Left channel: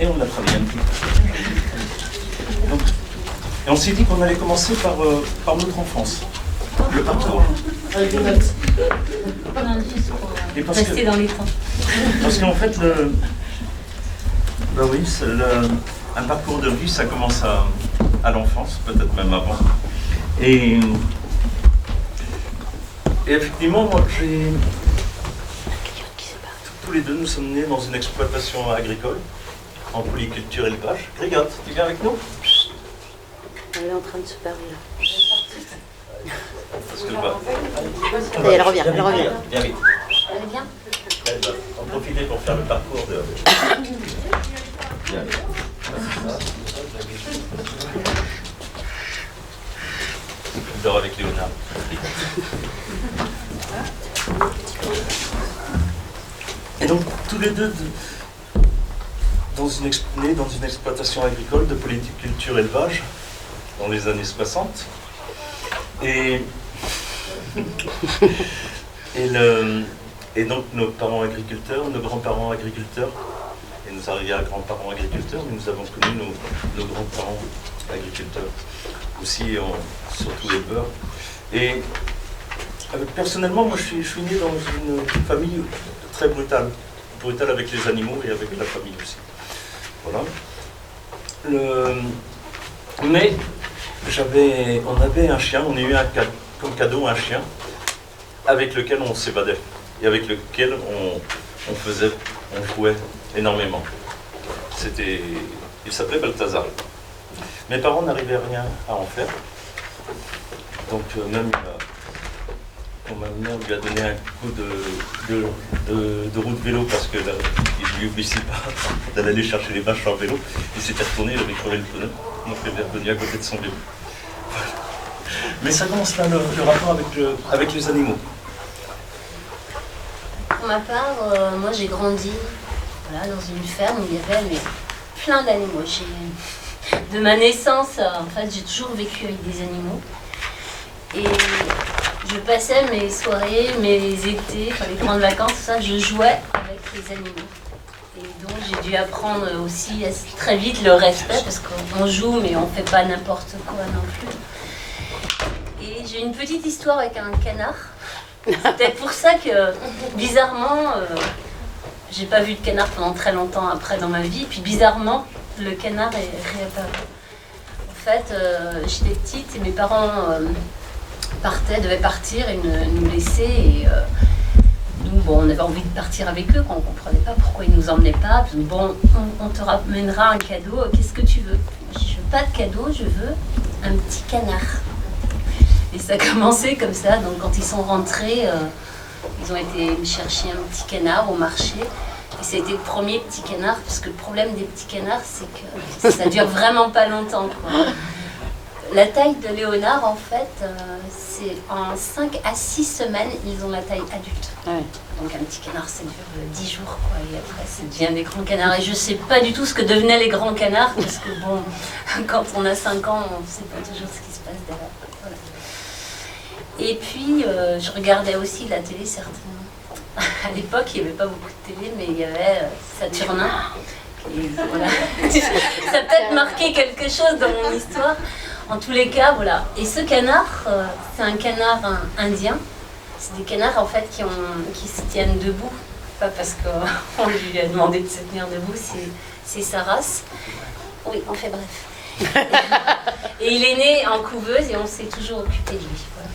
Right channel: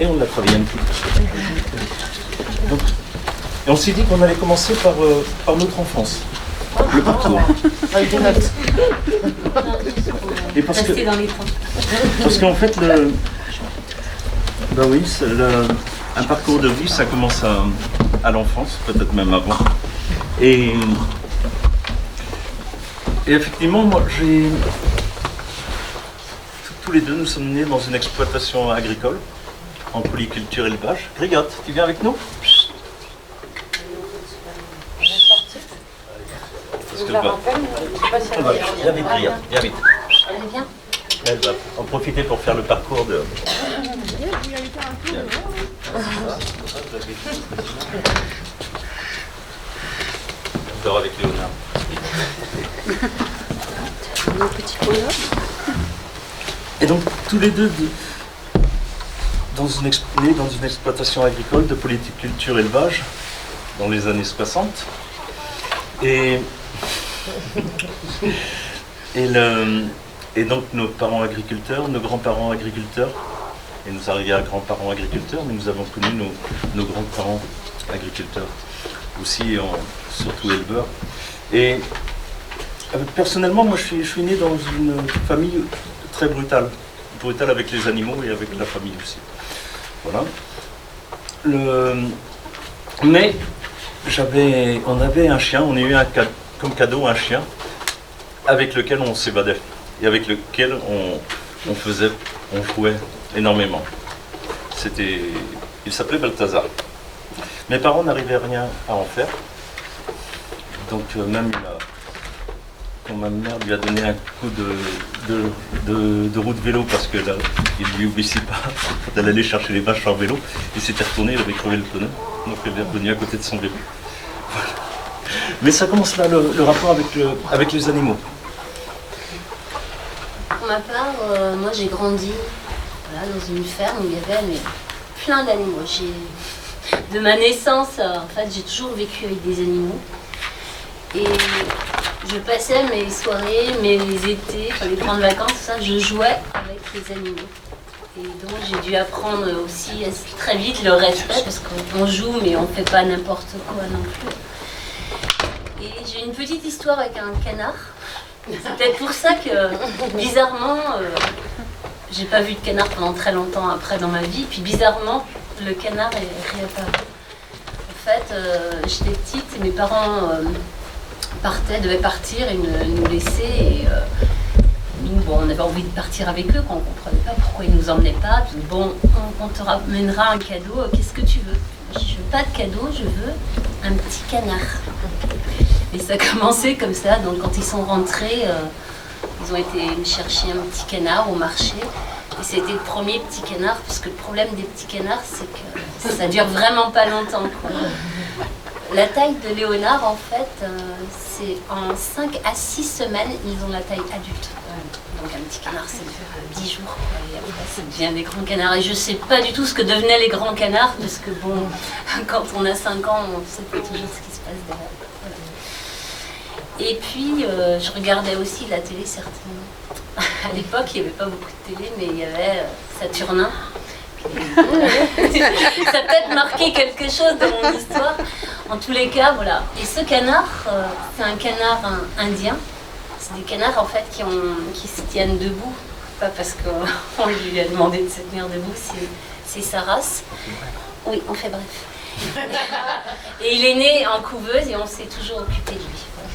Et on l'a travaillé un petit peu. Donc, et on s'est dit qu'on allait commencer par notre enfance, le parcours. Avec des notes. Et parce Rester dans les temps. Parce qu'en fait, oui, un parcours de vie, ça commence à l'enfance, peut-être même avant. Et effectivement, moi, tous les deux, nous sommes nés dans une exploitation agricole, en polyculture élevage. Grigotte, tu viens avec nous? Elle est en train de se permettre. Parce que, Je la rappelle, je sais pas si elle revient. viens vite, Grigotte, viens vite. Elle est bien. Elle va en profiter pour faire le parcours de... Viens vite. On dort avec Léonard. Et donc, tous les deux, nés dans une exploitation agricole de polyculture élevage, dans les années 60. Et donc, nos parents agriculteurs, nos grands-parents agriculteurs, et nos arrière-grands-parents agriculteurs, mais nous avons connu nos grands-parents agriculteurs, aussi surtout éleveurs. Et personnellement, moi je suis né dans une famille très brutale avec les animaux et avec la famille aussi. Voilà. Mais on avait un chien, on a eu comme cadeau un chien avec lequel on s'évadait et avec lequel on jouait énormément. Il s'appelait Balthazar. Mes parents n'arrivaient rien à en faire. Donc même quand ma mère lui a donné un coup de roue de vélo parce qu'il ne lui obéissait pas d'aller aller chercher les vaches en vélo, il s'était retourné, il avait crevé le pneu. Donc il est revenu à côté de son vélo. Voilà. Mais ça commence là, le rapport avec les animaux. Pour ma part, moi j'ai grandi dans une ferme où il y avait plein d'animaux. De ma naissance, en fait, j'ai toujours vécu avec des animaux. Et je passais mes soirées, mes étés, les grandes vacances, tout ça, je jouais avec les animaux. Et donc j'ai dû apprendre aussi très vite le respect, parce qu'on joue mais on ne fait pas n'importe quoi non plus. Et j'ai une petite histoire avec un canard. C'est peut-être pour ça que, bizarrement, j'ai pas vu de canard pendant très longtemps après dans ma vie. Puis bizarrement, le canard est réapparu. En fait, j'étais petite et mes parents devaient partir et nous laisser. Et nous, on avait envie de partir avec eux, quand on ne comprenait pas pourquoi ils ne nous emmenaient pas. Puis, bon, on te ramènera un cadeau, qu'est-ce que tu veux? Je dis, je veux pas de cadeau, je veux un petit canard. Et ça a commencé comme ça, donc quand ils sont rentrés, ils ont été me chercher un petit canard au marché. Et c'était le premier petit canard, parce que le problème des petits canards, c'est que ça dure vraiment pas longtemps, quoi. La taille de Léonard, en fait, c'est en 5 à 6 semaines, ils ont la taille adulte. Donc un petit canard, ça dure 10 jours, quoi. Et après, ça devient des grands canards. Et je sais pas du tout ce que devenaient les grands canards, parce que bon, quand on a 5 ans, on sait pas toujours ce qui se passe derrière. Voilà. Et puis, je regardais aussi la télé, certainement. À l'époque, il n'y avait pas beaucoup de télé, mais il y avait Saturnin. Voilà. Ça a peut-être marqué quelque chose dans mon histoire. En tous les cas, voilà. Et ce canard, c'est un canard indien. C'est des canards, en fait, qui se tiennent debout. Pas parce qu'on lui a demandé de se tenir debout, c'est sa race. Oui, on fait bref. Et il est né en couveuse et on s'est toujours occupé de lui. Voilà.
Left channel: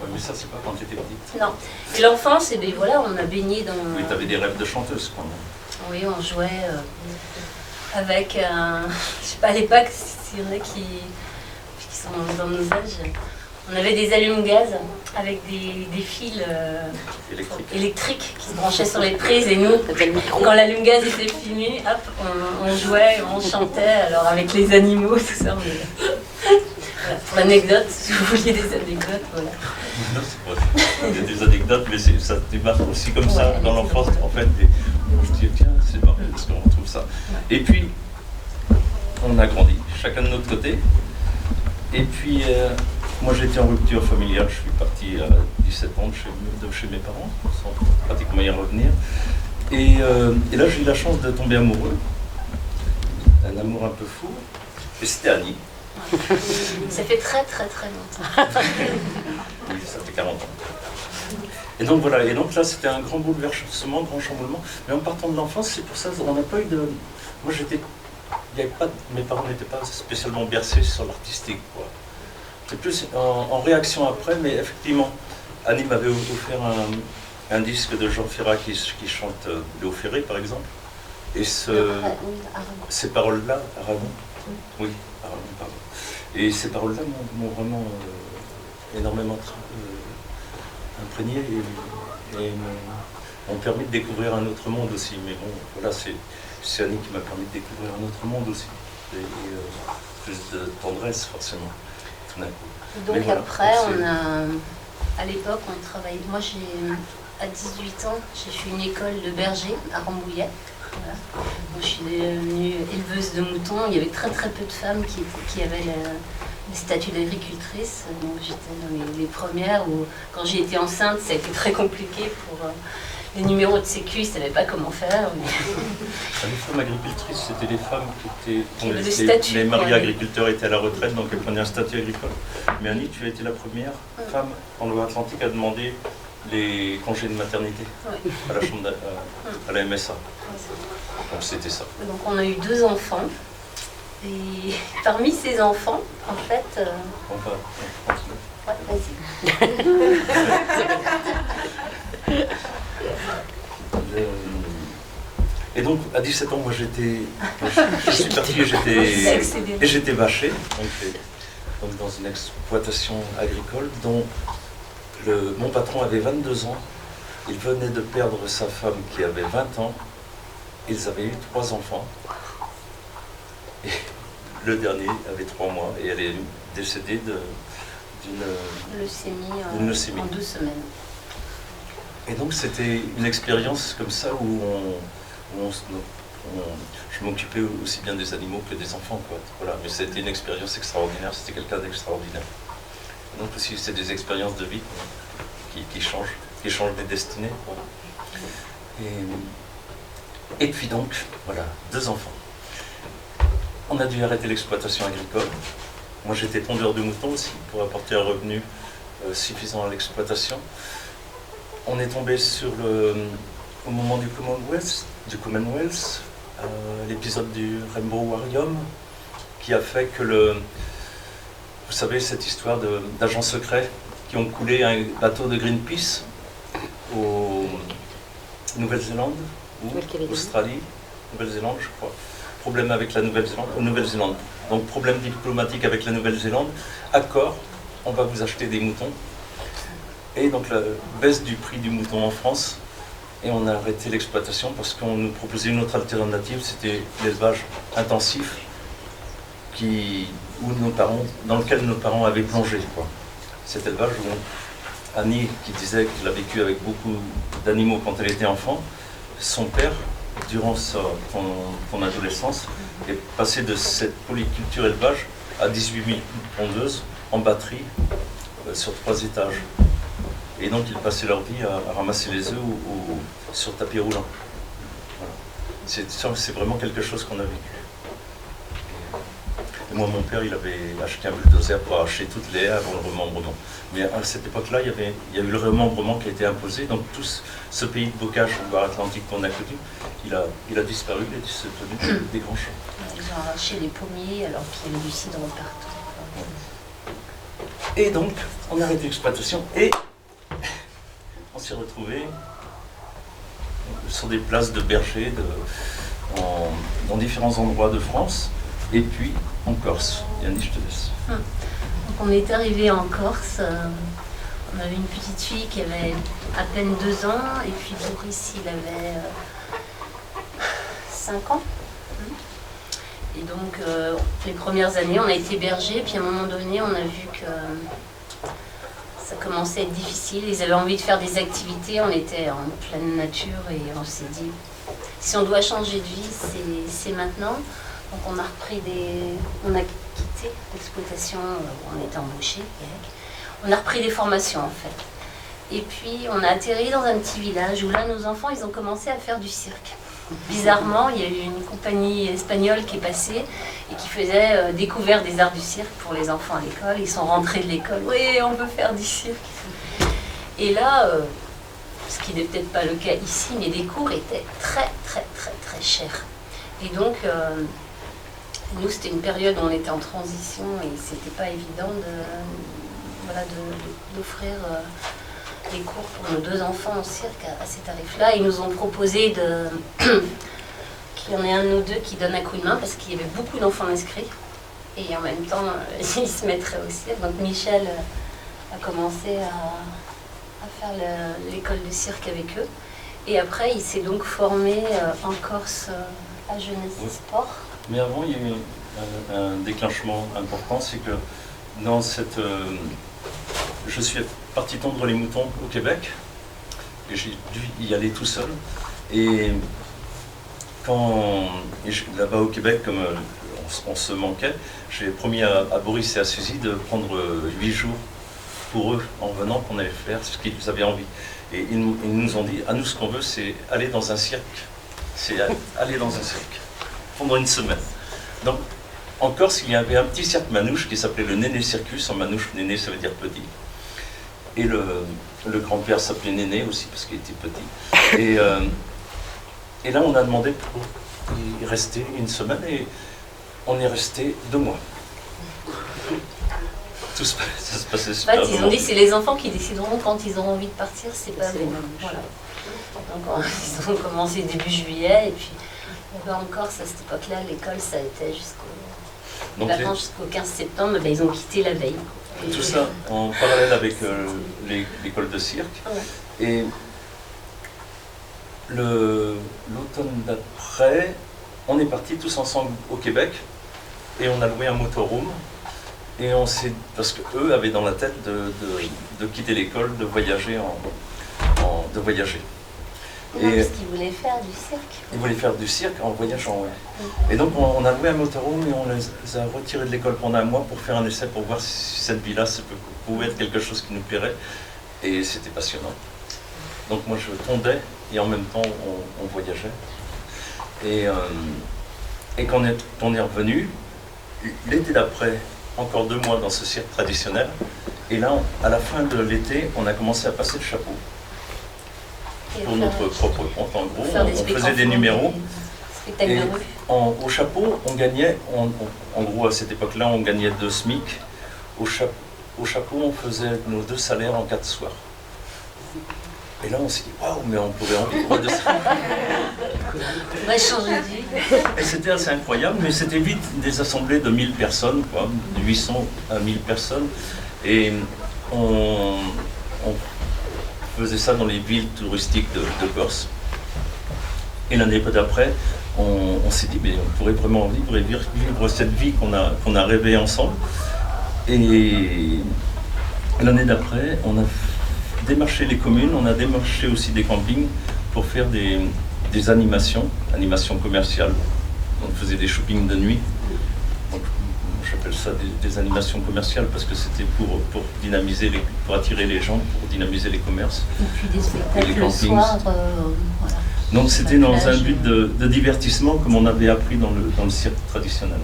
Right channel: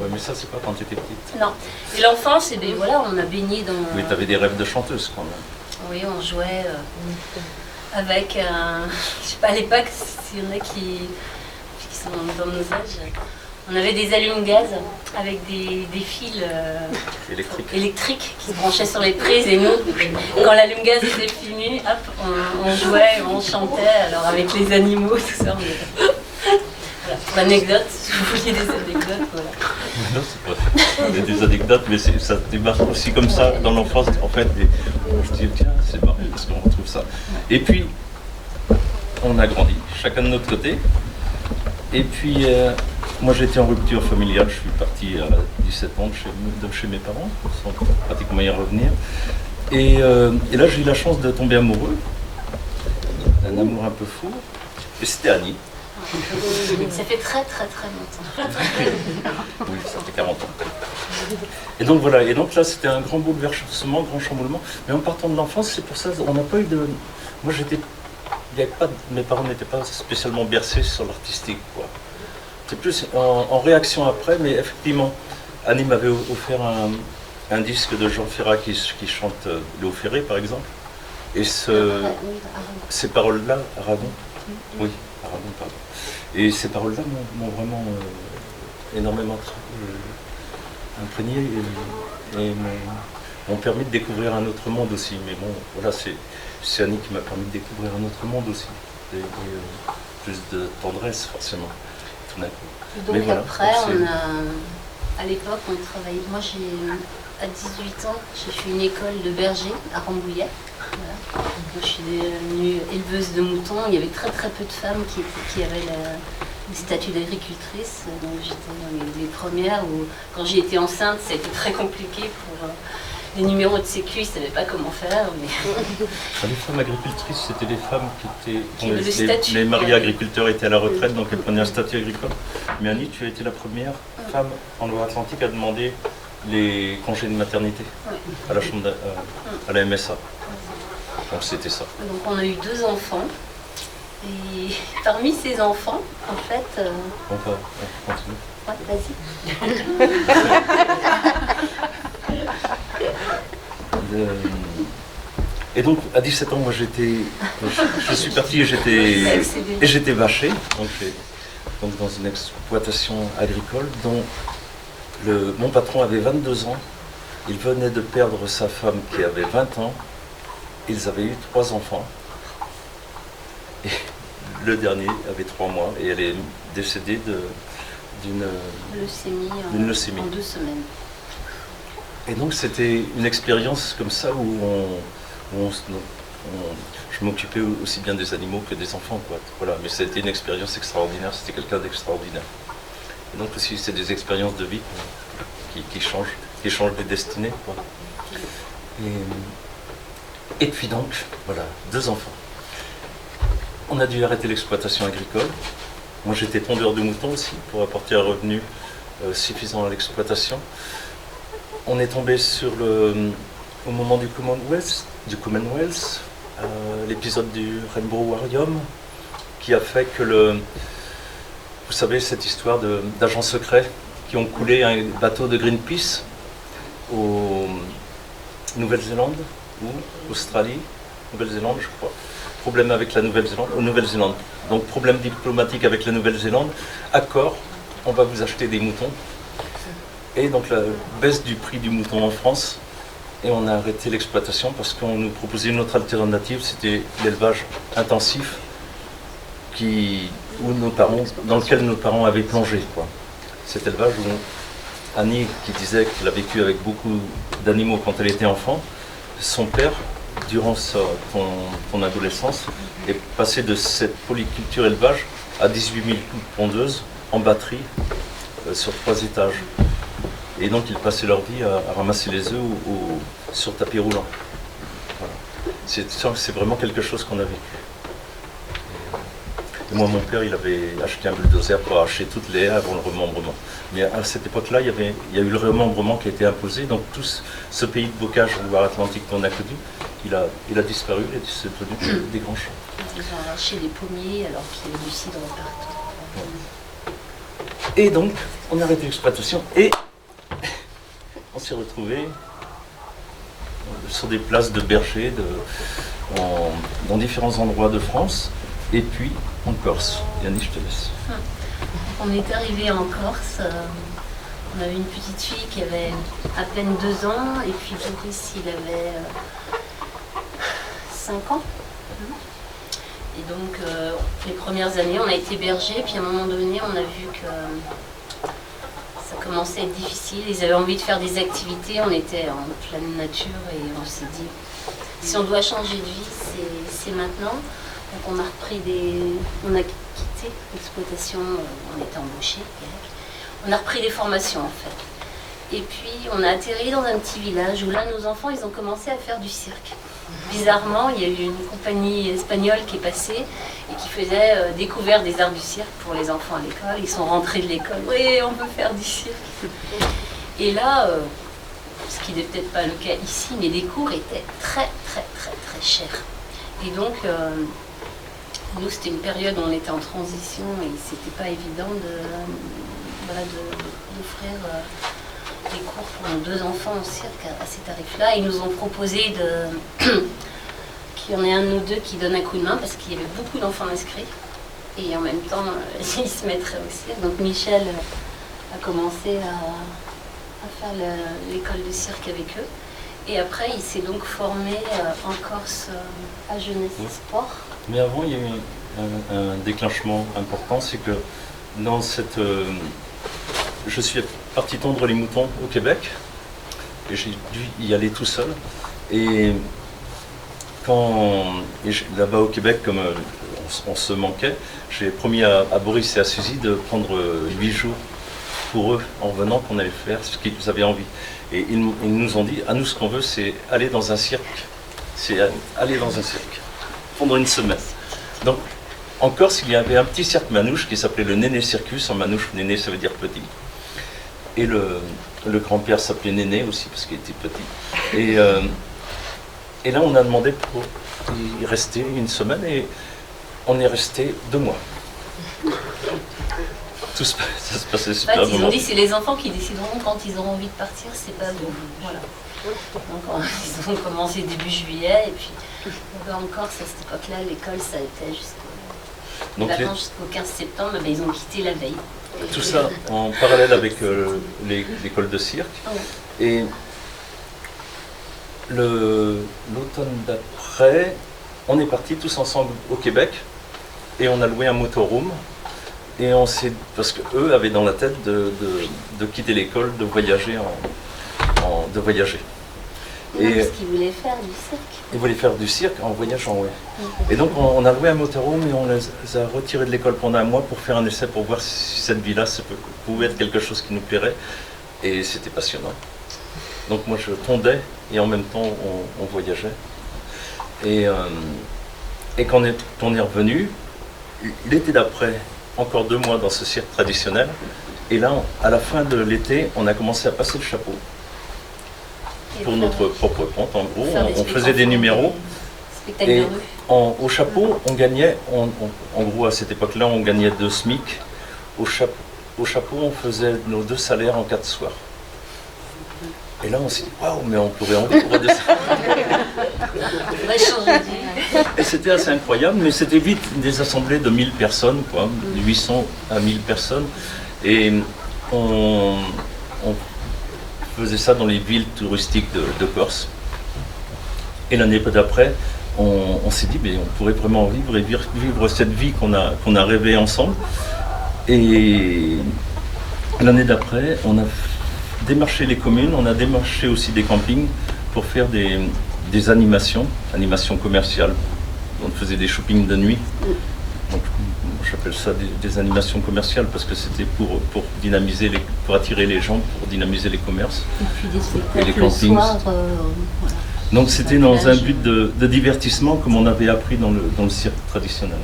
Ouais, mais ça, c'est pas quand tu étais petite. Non. Et l'enfance, voilà, on a baigné dans... Mais tu avais des rêves de chanteuse, quand même. Oui, on jouait avec un... Je sais pas, à l'époque, s'il y en a qui sont dans nos âges. On avait des allumes-gaz avec des fils électriques qui se branchaient sur les prises. Et nous, quand l'allume-gaz était fini, hop, on jouait, on chantait, alors avec les animaux, tout ça. Voilà, pour l'anecdote, si vous vouliez des anecdotes, voilà. Non, c'est pas... Il y a des anecdotes, mais ça démarre aussi comme ça dans l'enfance. En fait, je dis, tiens, c'est marrant parce qu'on retrouve ça. Et puis, on a grandi, chacun de notre côté. Et puis, moi j'étais en rupture familiale, je suis parti à 17 ans de chez mes parents, sans pratiquement y revenir. Et là, j'ai eu la chance de tomber amoureux un amour un peu fou. Et c'était Annie. Ça fait très très très longtemps. Oui, ça fait 40 ans. Et donc voilà, et donc là c'était un grand bouleversement, grand chamboulement. Mais en partant de l'enfance, c'est pour ça on n'a pas eu de. Moi j'étais. Il y avait pas, mes parents n'étaient pas spécialement bercés sur l'artistique, quoi. C'est plus en réaction après, mais effectivement, Annie m'avait offert un disque de Jean Ferrat qui chante Léo Ferré, par exemple. Et ces paroles-là, Aragon, oui, Aragon, pardon. Et ces paroles-là m'ont vraiment énormément imprégné et m'ont permis de découvrir un autre monde aussi. Mais bon, voilà, c'est Annie qui m'a permis de découvrir un autre monde aussi. Et plus de tendresse, forcément, tout d'un coup. Et donc mais voilà, après, donc à l'époque, on travaillait. Moi, à 18 ans, j'ai fait une école de berger à Rambouillet. Voilà. Donc, je suis devenue éleveuse de moutons. Il y avait très très peu de femmes qui avaient le statut d'agricultrice. Donc j'étais dans les premières où, quand j'ai été enceinte, ça a été très compliqué pour les numéros de sécu, ils ne savaient pas comment faire. Les femmes agricultrices, c'était les femmes qui avaient le statut. Les maris agriculteurs étaient à la retraite, donc elles prenaient un statut agricole. Mais Annie, tu as été la première femme en Loire-Atlantique à demander les congés de maternité à la chambre à la MSA. Donc c'était ça. Donc on a eu 2 enfants. Et parmi ces enfants, en fait... On continue. Ouais, vas-y. Et donc à 17 ans, moi je suis parti et j'étais vaché, donc dans une exploitation agricole dont mon patron avait 22 ans. Il venait de perdre sa femme qui avait 20 ans. Ils avaient eu 3 enfants. Et le dernier avait 3 mois et elle est décédée d'une leucémie en 2 semaines. Et donc c'était une expérience comme ça où je m'occupais aussi bien des animaux que des enfants, quoi. Voilà. Mais c'était une expérience extraordinaire, c'était quelqu'un d'extraordinaire. Et donc aussi c'est des expériences de vie qui changent les destinées, quoi. Et puis donc, voilà, 2 enfants. On a dû arrêter l'exploitation agricole. Moi, j'étais tondeur de moutons aussi, pour apporter un revenu suffisant à l'exploitation. On est tombé au moment du Commonwealth, l'épisode du Rainbow Warrior, qui a fait que vous savez, cette histoire d'agents secrets qui ont coulé un bateau de Greenpeace au Nouvelle-Zélande, ou Australie, Nouvelle-Zélande, je crois. Problème avec la Nouvelle-Zélande. Donc problème diplomatique avec la Nouvelle-Zélande. Accord, on va vous acheter des moutons. Et donc la baisse du prix du mouton en France. Et on a arrêté l'exploitation parce qu'on nous proposait une autre alternative, c'était l'élevage intensif dans lequel nos parents avaient plongé, quoi. Cet élevage où Annie, qui disait qu'elle a vécu avec beaucoup d'animaux quand elle était enfant, son père, durant son adolescence, est passé de cette polyculture élevage à 18 000 pondeuses en batterie sur 3 étages. Et donc ils passaient leur vie à ramasser les œufs sur tapis roulant. Voilà. C'est vraiment quelque chose qu'on a vécu. Et moi, mon père, il avait acheté un bulldozer pour arracher toutes les haies avant le remembrement. Mais à cette époque-là, il y a eu le remembrement qui a été imposé. Donc tout ce pays de bocage en Loire-Atlantique qu'on a connu, il a disparu, il est devenu des grands champs. Ils ont arraché les pommiers alors qu'il y avait du cidre partout. Et donc, on a arrêté l'exploitation et on s'est retrouvés sur des places de bergers dans différents endroits de France et puis en Corse. Yannick, je te laisse. Donc on est arrivé en Corse. On avait une petite fille qui avait à peine 2 ans et puis Boris, il avait 5 ans. Et donc les premières années, on a été berger, puis à un moment donné, on a vu que ça commençait à être difficile. Ils avaient envie de faire des activités, on était en pleine nature et on s'est dit, si on doit changer de vie, c'est maintenant. Donc on a quitté l'exploitation où on était embauché. On a repris des formations en fait. Et puis on a atterri dans un petit village où là nos enfants ils ont commencé à faire du cirque. bizarrement, il y a eu une compagnie espagnole qui est passée et qui faisait découverte des arts du cirque pour les enfants à l'école. Ils sont rentrés de l'école, oui, on peut faire du cirque. Et là, ce qui n'est peut-être pas le cas ici, mais les cours étaient très chers. Et donc, nous, c'était une période où on était en transition et c'était pas évident d'offrir des cours pour nos 2 enfants au cirque à ces tarifs-là. Ils nous ont proposé qu'il y en ait un de nous 2 qui donne un coup de main parce qu'il y avait beaucoup d'enfants inscrits et en même temps, ils se mettraient au cirque. Donc Michel a commencé à faire l'école de cirque avec eux. Et après, il s'est donc formé en Corse à Jeunesse et Sport. Mais avant, il y a eu un déclenchement important, c'est que dans cette... je suis parti tondre les moutons au Québec, et j'ai dû y aller tout seul. Et là-bas au Québec, comme on se manquait, j'ai promis à Boris et à Suzy de prendre 8 jours pour eux en venant, qu'on allait faire ce qu'ils avaient envie. Et ils nous ont dit, à nous ce qu'on veut, c'est aller dans un cirque. C'est aller dans un cirque pendant une semaine. Donc en Corse, il y avait un petit cirque manouche qui s'appelait le Néné Circus. En manouche, Néné, ça veut dire petit. Et le grand-père s'appelait Néné aussi parce qu'il était petit. Et là, on a demandé pour y rester une semaine et on est resté 2 mois. Ça se passait super bien. Ils ont dit c'est les enfants qui décideront quand ils auront envie de partir, c'est pas vous. Voilà. Donc ils ont commencé début juillet et puis en Corse à cette époque-là, l'école ça a été jusqu'au 15 septembre, ben, ils ont quitté la veille. Tout ça en parallèle avec l'école de cirque. Ouais. Et l'automne d'après, on est partis tous ensemble au Québec et on a loué un motorhome. Et parce qu'eux avaient dans la tête de quitter l'école, de voyager. Et parce qu'ils voulaient faire du cirque. Ils voulaient faire du cirque en voyageant, oui. Et donc on a loué un motorhome et on les a retirés de l'école pendant un mois pour faire un essai, pour voir si cette vie-là pouvait être quelque chose qui nous plairait. Et c'était passionnant. Donc moi je tondais et en même temps on voyageait. Et quand on est revenu, l'été d'après, encore 2 mois dans ce cirque traditionnel. Et là, à la fin de l'été, on a commencé à passer le chapeau. Pour notre propre compte, en gros. On faisait des numéros. Et au chapeau, on gagnait, en gros, à cette époque-là, on gagnait 2 SMIC. Au chapeau, on faisait nos 2 salaires en 4 soirs. Et là, on s'est dit, waouh, mais on pourrait en vivre de ça. On va changer de vie. Et c'était assez incroyable, mais c'était vite des assemblées de 1000 personnes, quoi, de 800 à 1000 personnes. Et on faisait ça dans les villes touristiques de Corse. Et l'année d'après, on s'est dit, mais on pourrait vraiment vivre cette vie qu'on a rêvé ensemble. Et l'année d'après, on a démarché les communes, on a démarché aussi des campings pour faire des animations commerciales. On faisait des shoppings de nuit. Donc, j'appelle ça des animations commerciales parce que c'était pour dynamiser pour attirer les gens, pour dynamiser les commerces. Et puis des spectacles et les campings. le soir, voilà. Donc c'était dans un but de divertissement comme on avait appris dans le cirque traditionnel.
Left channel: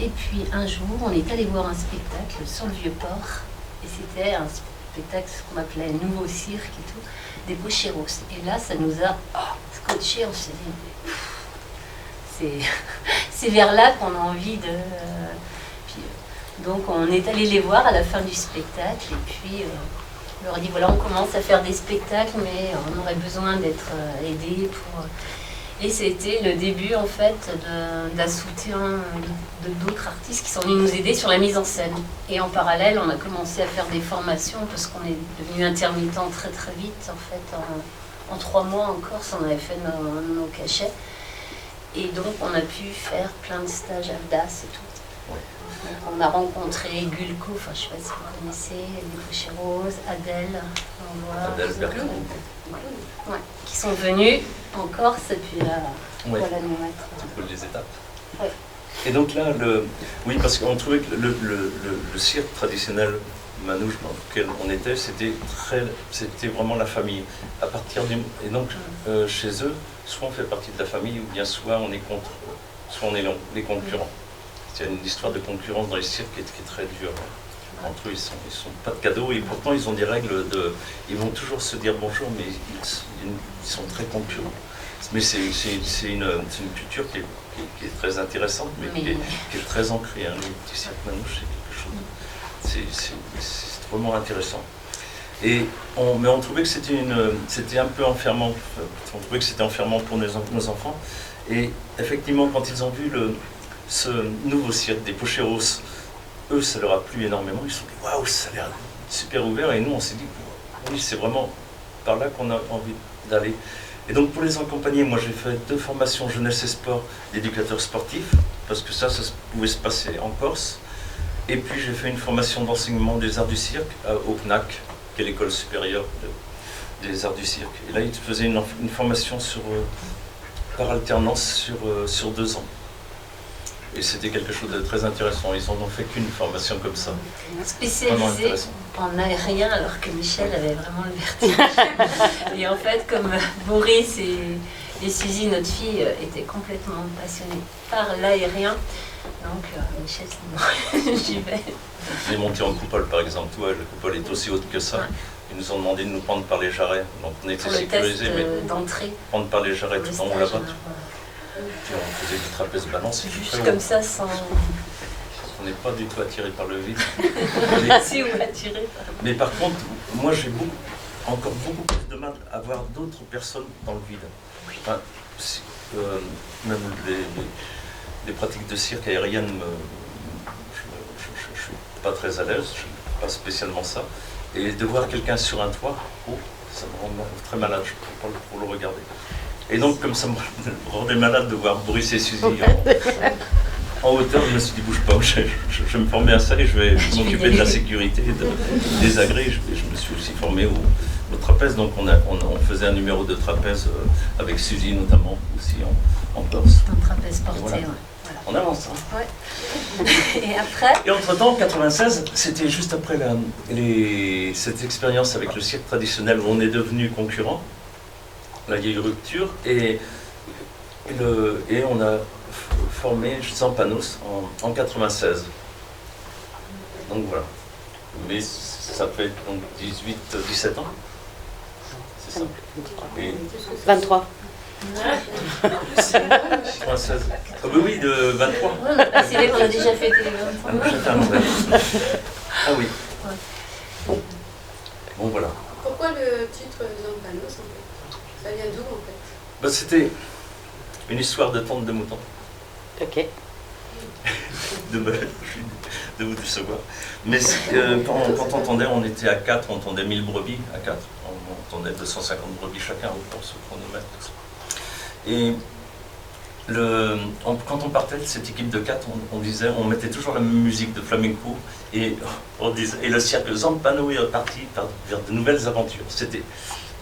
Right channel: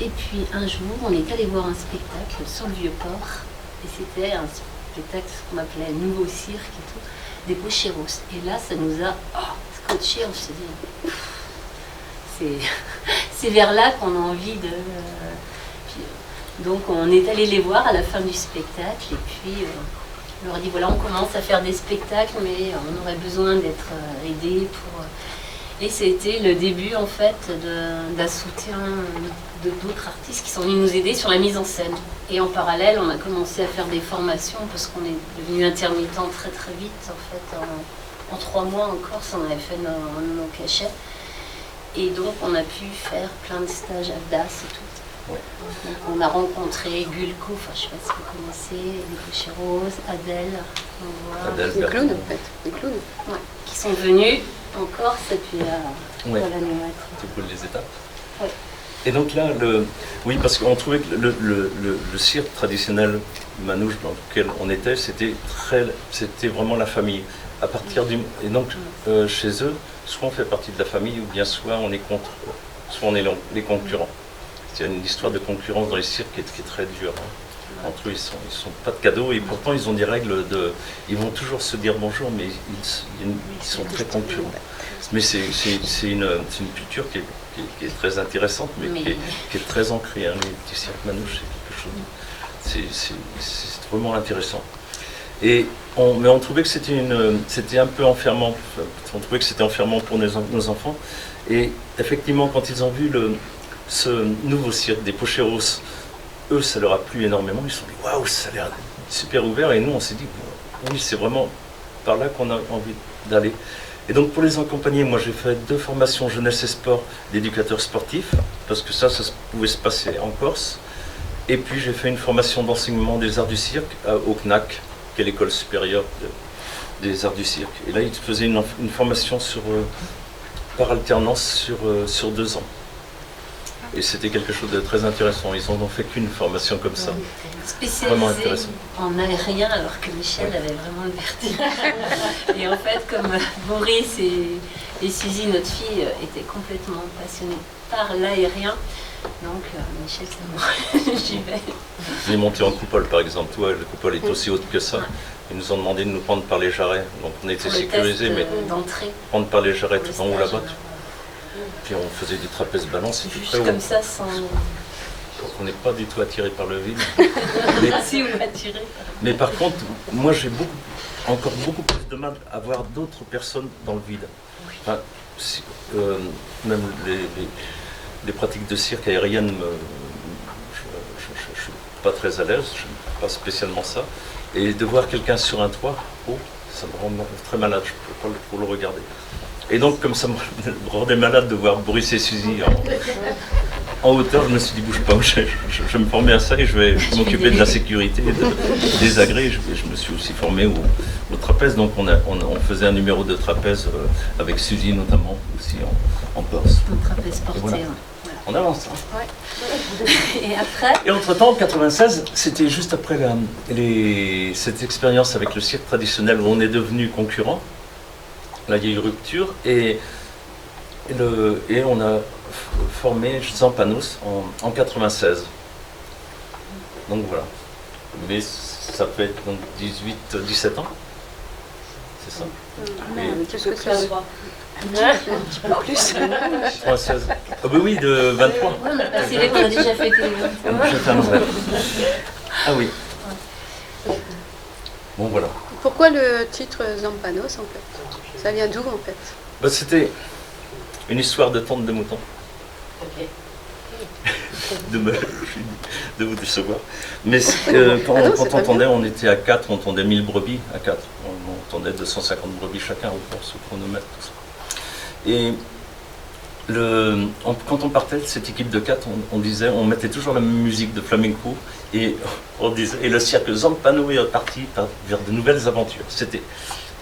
Et puis un jour, on est allé voir un spectacle sur le Vieux-Port. Et c'était un spectacle, ce qu'on appelait nouveau cirque et tout, des Bocheros. Et là, ça nous a scotché, on s'est dit, c'est vers là qu'on a envie de... donc on est allé les voir à la fin du spectacle, et puis on leur a dit, voilà, on commence à faire des spectacles, mais on aurait besoin d'être aidés pour... Et c'était le début, en fait, d'un soutien d'autres artistes qui sont venus nous aider sur la mise en scène. Et en parallèle, on a commencé à faire des formations parce qu'on est devenu intermittent très très vite. En fait, en 3 mois en Corse, on avait fait nos cachets. Et donc, on a pu faire plein de stages à DAS et tout. Ouais. Donc, on a rencontré Gulko, enfin, je ne sais pas si vous connaissez, les Boucheros, Adèle, Adèle Des clowns, en fait. Des clowns. ouais, qui sont venus en Corse et puis Ouais. voilà, nous mettre. C'est pour les étapes. Ouais. Et donc là, oui, parce qu'on trouvait que le cirque traditionnel manouche dans lequel on était, c'était vraiment la famille. À partir et donc, chez eux, soit on fait partie de la famille, ou bien soit on est contre eux, soit on est les concurrents. C'est une histoire de concurrence dans les cirques qui est très dure. Hein. Entre eux, ils sont pas de cadeaux, et pourtant ils ont des règles ils vont toujours se dire bonjour, mais ils sont très concurrents. Mais c'est une culture qui est très intéressante, mais qui est très ancrée. Hein. Les petits cirques manouches, c'est quelque chose. C'est vraiment intéressant. Mais on trouvait que c'était un peu enfermant. On trouvait que c'était enfermant pour nos enfants. Et effectivement, quand ils ont vu ce nouveau cirque des Pocheros, eux, ça leur a plu énormément. Ils se sont dit waouh, ça a l'air super ouvert. Et nous, on s'est dit oui, c'est vraiment par là qu'on a envie d'aller. Et donc pour les accompagner, moi j'ai fait 2 formations jeunesse et sport d'éducateurs sportifs, parce que ça pouvait se passer en Corse. Et puis j'ai fait une formation d'enseignement des arts du cirque au CNAC, qui est l'école supérieure des arts du cirque. Et là, ils faisaient une formation par alternance sur 2 ans. Et c'était quelque chose de très intéressant. Ils n'en ont fait qu'une formation comme ça. Spécialisée en aérien, alors que Michel avait vraiment le vertige. Et en fait, comme Boris et Suzy, notre fille, étaient complètement passionnés par l'aérien, donc Michel, c'est moi, j'y vais. On est monté en coupole, par exemple. Toi, la coupole est aussi haute que ça. Ils nous ont demandé de nous prendre par les jarrets. Donc on était sécurisés, mais prendre par les jarrets tout en haut là-bas. Puis on faisait du trapèze balance. Juste comme ça, sans... On n'est pas du tout attiré par le vide. Si, on est attiré. Mais par contre, moi j'ai encore beaucoup plus de mal à voir d'autres personnes dans le vide. Enfin, même les pratiques de cirque aérienne, je ne suis pas très à l'aise, je n'aime pas spécialement ça. Et de voir quelqu'un sur un toit, ça me rend très malade, je ne peux pas trop le regarder. Et donc, comme ça me rendait malade de voir Boris et Suzy en hauteur, je me suis dit, bouge pas, je vais me former à ça et je vais m'occuper de la sécurité, des agrès. Je me suis aussi formé au trapèze, donc on faisait un numéro de trapèze avec Suzy notamment, aussi en Corse. Un trapèze porté, voilà. On avance. Hein. Ouais. Et après Et entre-temps, en 96, c'était juste après cette expérience avec le cirque traditionnel où on est devenu concurrent. Là, il y a eu rupture et on a formé Zampanos en 96. Donc voilà. Mais ça peut être donc 17 ans. C'est ça. Et pas droit. Plus. 96. Ah bah oui, de 23. Oui, on a passé les, on a déjà fêté les 23. On a déjà fait un Noël. Ah oui. Bon voilà. Pourquoi le titre Zampanos en fait? Ça vient d'où en fait? Bah, c'était une histoire de tente de mouton. Ok. de vous décevoir. Mais quand on tendait, on était à 4, on tendait 1000 brebis à 4. On tendait 250 brebis chacun, on se chronomètre, tout ça. Et quand on partait de cette équipe de 4, on mettait toujours la même musique de flamenco et on disait, et le cirque Zampano est parti vers de nouvelles aventures. C'était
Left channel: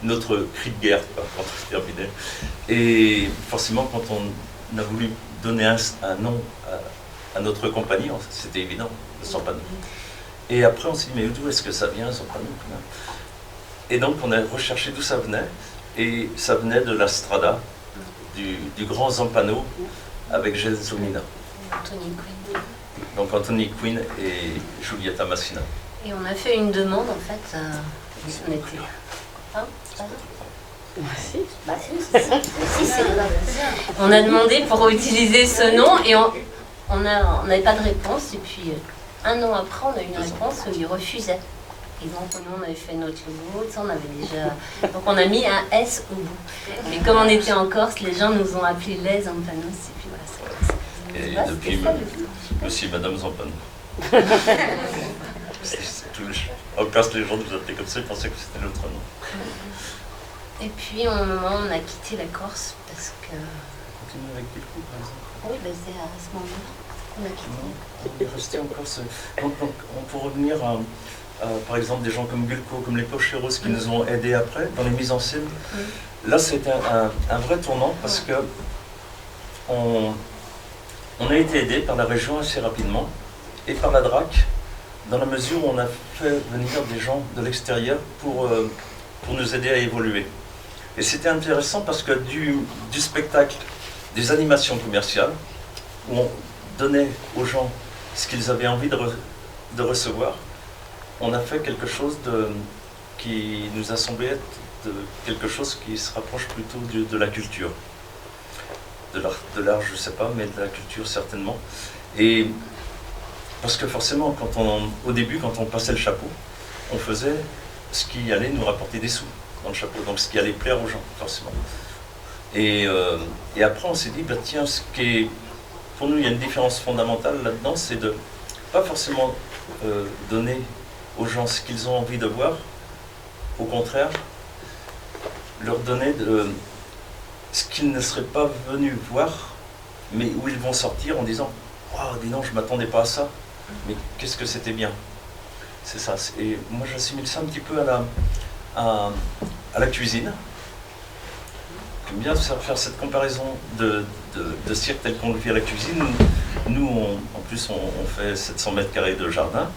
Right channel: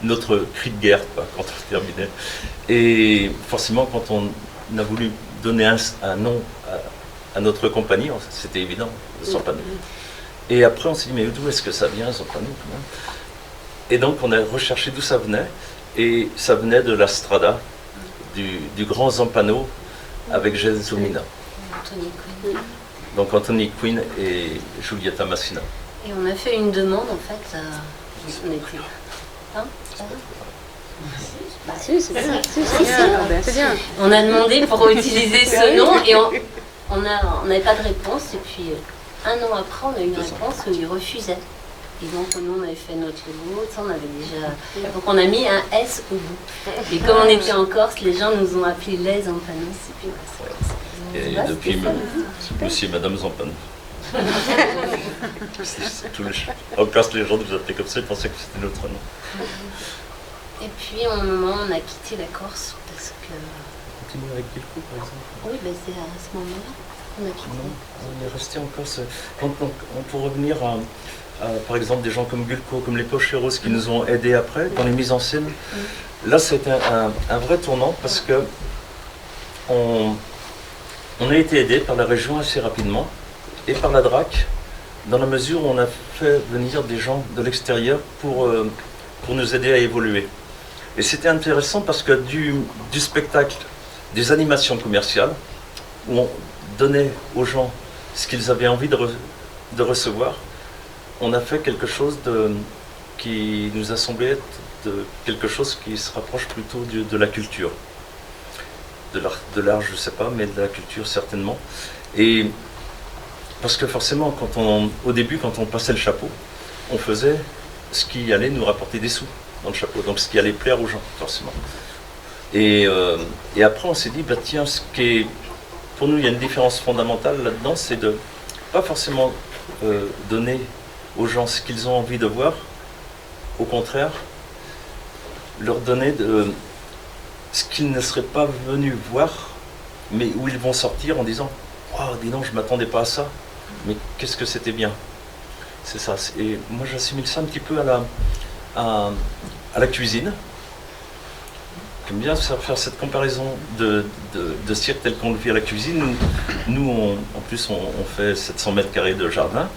notre cri de guerre quoi, quand on terminait. Et forcément, quand on a voulu donner un nom à notre compagnie, c'était évident, le Zampano. Et après, on s'est dit, mais d'où est-ce que ça vient, Zampano? Et donc, on a recherché d'où ça venait, et ça venait de la Strada, du grand Zampano avec Gelsomina. Anthony Quinn. Donc Anthony Quinn et Giulietta Massina. Et on a fait une demande en fait. On était. Hein, Si, c'est ça. C'est bien. On a demandé pour utiliser ce nom et on n'avait pas de réponse. Et puis un an après, on a eu une réponse où ils refusaient. Et donc nous, on avait fait notre logo, on avait déjà... Donc on a mis un S au bout. Et comme on était en Corse, les gens nous ont appelés les Zampanos. Et puis voilà, Et depuis, monsieur et madame Zampano. En Corse, les gens nous appelaient comme ça, ils pensaient que c'était notre nom. Et puis, à un moment, on a quitté la Corse parce que... On continue avec Bilko, par exemple. Oui, ben, c'est à ce moment-là qu'on a quitté. On est resté en Corse. On peut revenir à, par exemple, des gens comme Gulko, comme les Pocheros qui nous ont aidés après dans les mises en scène. Là, c'était un vrai tournant parce que on a été aidés par la région assez rapidement et par la DRAC dans la mesure où on a fait venir des gens de l'extérieur pour nous aider à évoluer. Et c'était intéressant parce que du spectacle, des animations commerciales, où on donnait aux gens ce qu'ils avaient envie de recevoir, on a fait quelque chose qui nous a semblé être quelque chose qui se rapproche plutôt de la culture. De l'art, je ne sais pas, mais de la culture certainement. Et parce que forcément, au début, quand on passait le chapeau, on faisait ce qui allait nous rapporter des sous dans le chapeau, donc ce qui allait plaire aux gens, forcément. Et après, on s'est dit, bah, tiens, pour nous, il y a une différence fondamentale là-dedans, c'est de pas forcément donner aux gens ce qu'ils ont envie de voir, au contraire, leur donner ce qu'ils ne seraient pas venus voir, mais où ils vont sortir en disant « Waouh, dis donc, je ne m'attendais pas à ça, mais qu'est-ce que c'était bien !» C'est ça. Et moi, j'assimile ça un petit peu à la cuisine. J'aime bien faire cette comparaison de cirque tel qu'on le vit à la cuisine. Nous en plus, on fait 700 mètres carrés de jardin,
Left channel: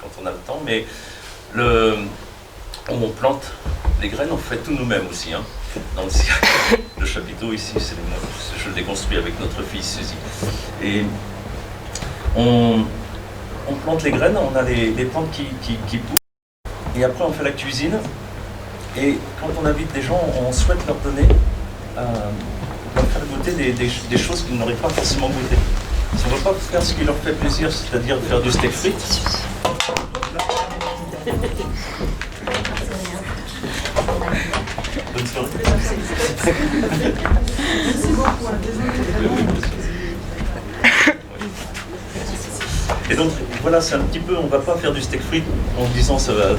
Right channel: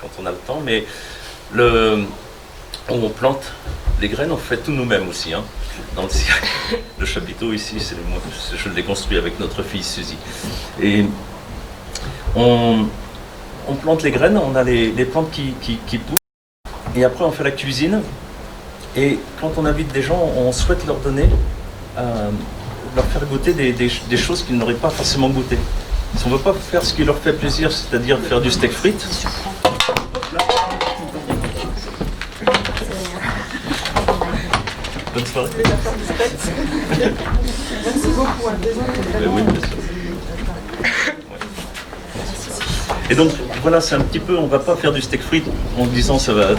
quand on a le temps, mais on plante les graines, on fait tout nous-mêmes aussi, hein, dans le cirque. Le chapiteau ici, je l'ai construit avec notre fille Suzy. Et on plante les graines, on a les plantes qui poussent, et après on fait la cuisine. Et quand on invite des gens, on souhaite leur donner, leur faire goûter des choses qu'ils n'auraient pas forcément goûté. Si on ne veut pas faire ce qui leur fait plaisir, c'est-à-dire faire du steak frites, bonne soirée. Merci beaucoup. Oui, bien sûr. Et donc voilà, c'est un petit peu, on ne va pas faire du steak frites en disant ça va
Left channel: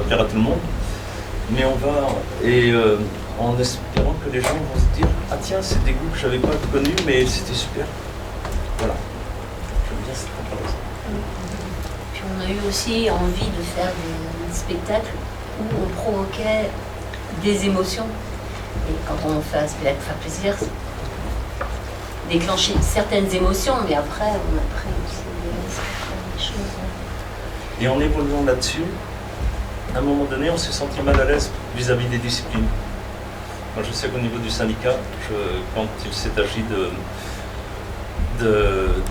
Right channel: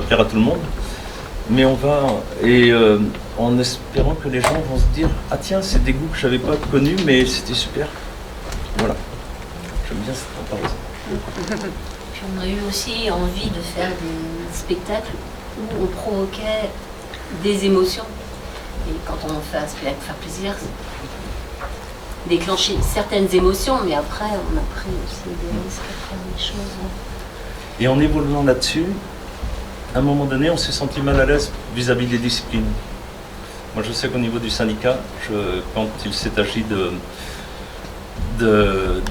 plaire à tout le monde, mais on va, en espérant que les gens vont se dire ah tiens, c'est des goûts que je n'avais pas connus, mais c'était super. Voilà, j'aime bien cette comparaison. Puis on a eu aussi envie de faire des spectacles où on provoquait des émotions. Et quand on fait un spectacle pour faire plaisir, déclencher certaines émotions, mais après on a pris aussi des risques à faire des choses. Et en évoluant là-dessus, à un moment donné, on s'est senti mal à l'aise vis-à-vis des disciplines. Moi, je sais qu'au niveau du syndicat, quand il s'est agi de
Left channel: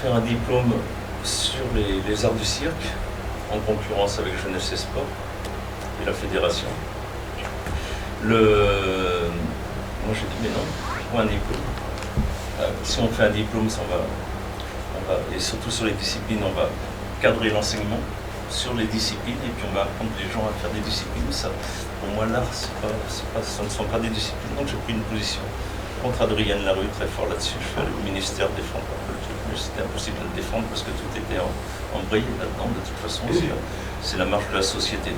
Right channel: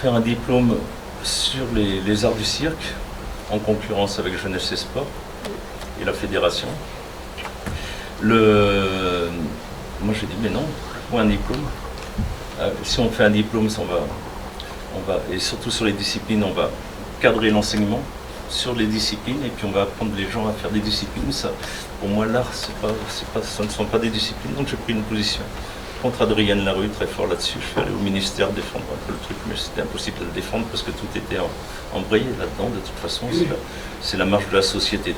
faire un diplôme sur les arts du cirque, en concurrence avec Jeunesse et Sport et la fédération, moi j'ai dit mais non, pourquoi un diplôme? Si on fait un diplôme, on va, et surtout sur les disciplines, on va cadrer l'enseignement sur les disciplines et puis on va apprendre les gens à faire des disciplines. Ça, pour moi, l'art, ce ne sont pas des disciplines. Donc j'ai pris une position contre Adrienne Larue, très fort là-dessus. Je suis allé au ministère défendre un peu le truc, mais c'était impossible de le défendre parce que tout était embrayé là-dedans. De toute façon, c'est la marche de la société.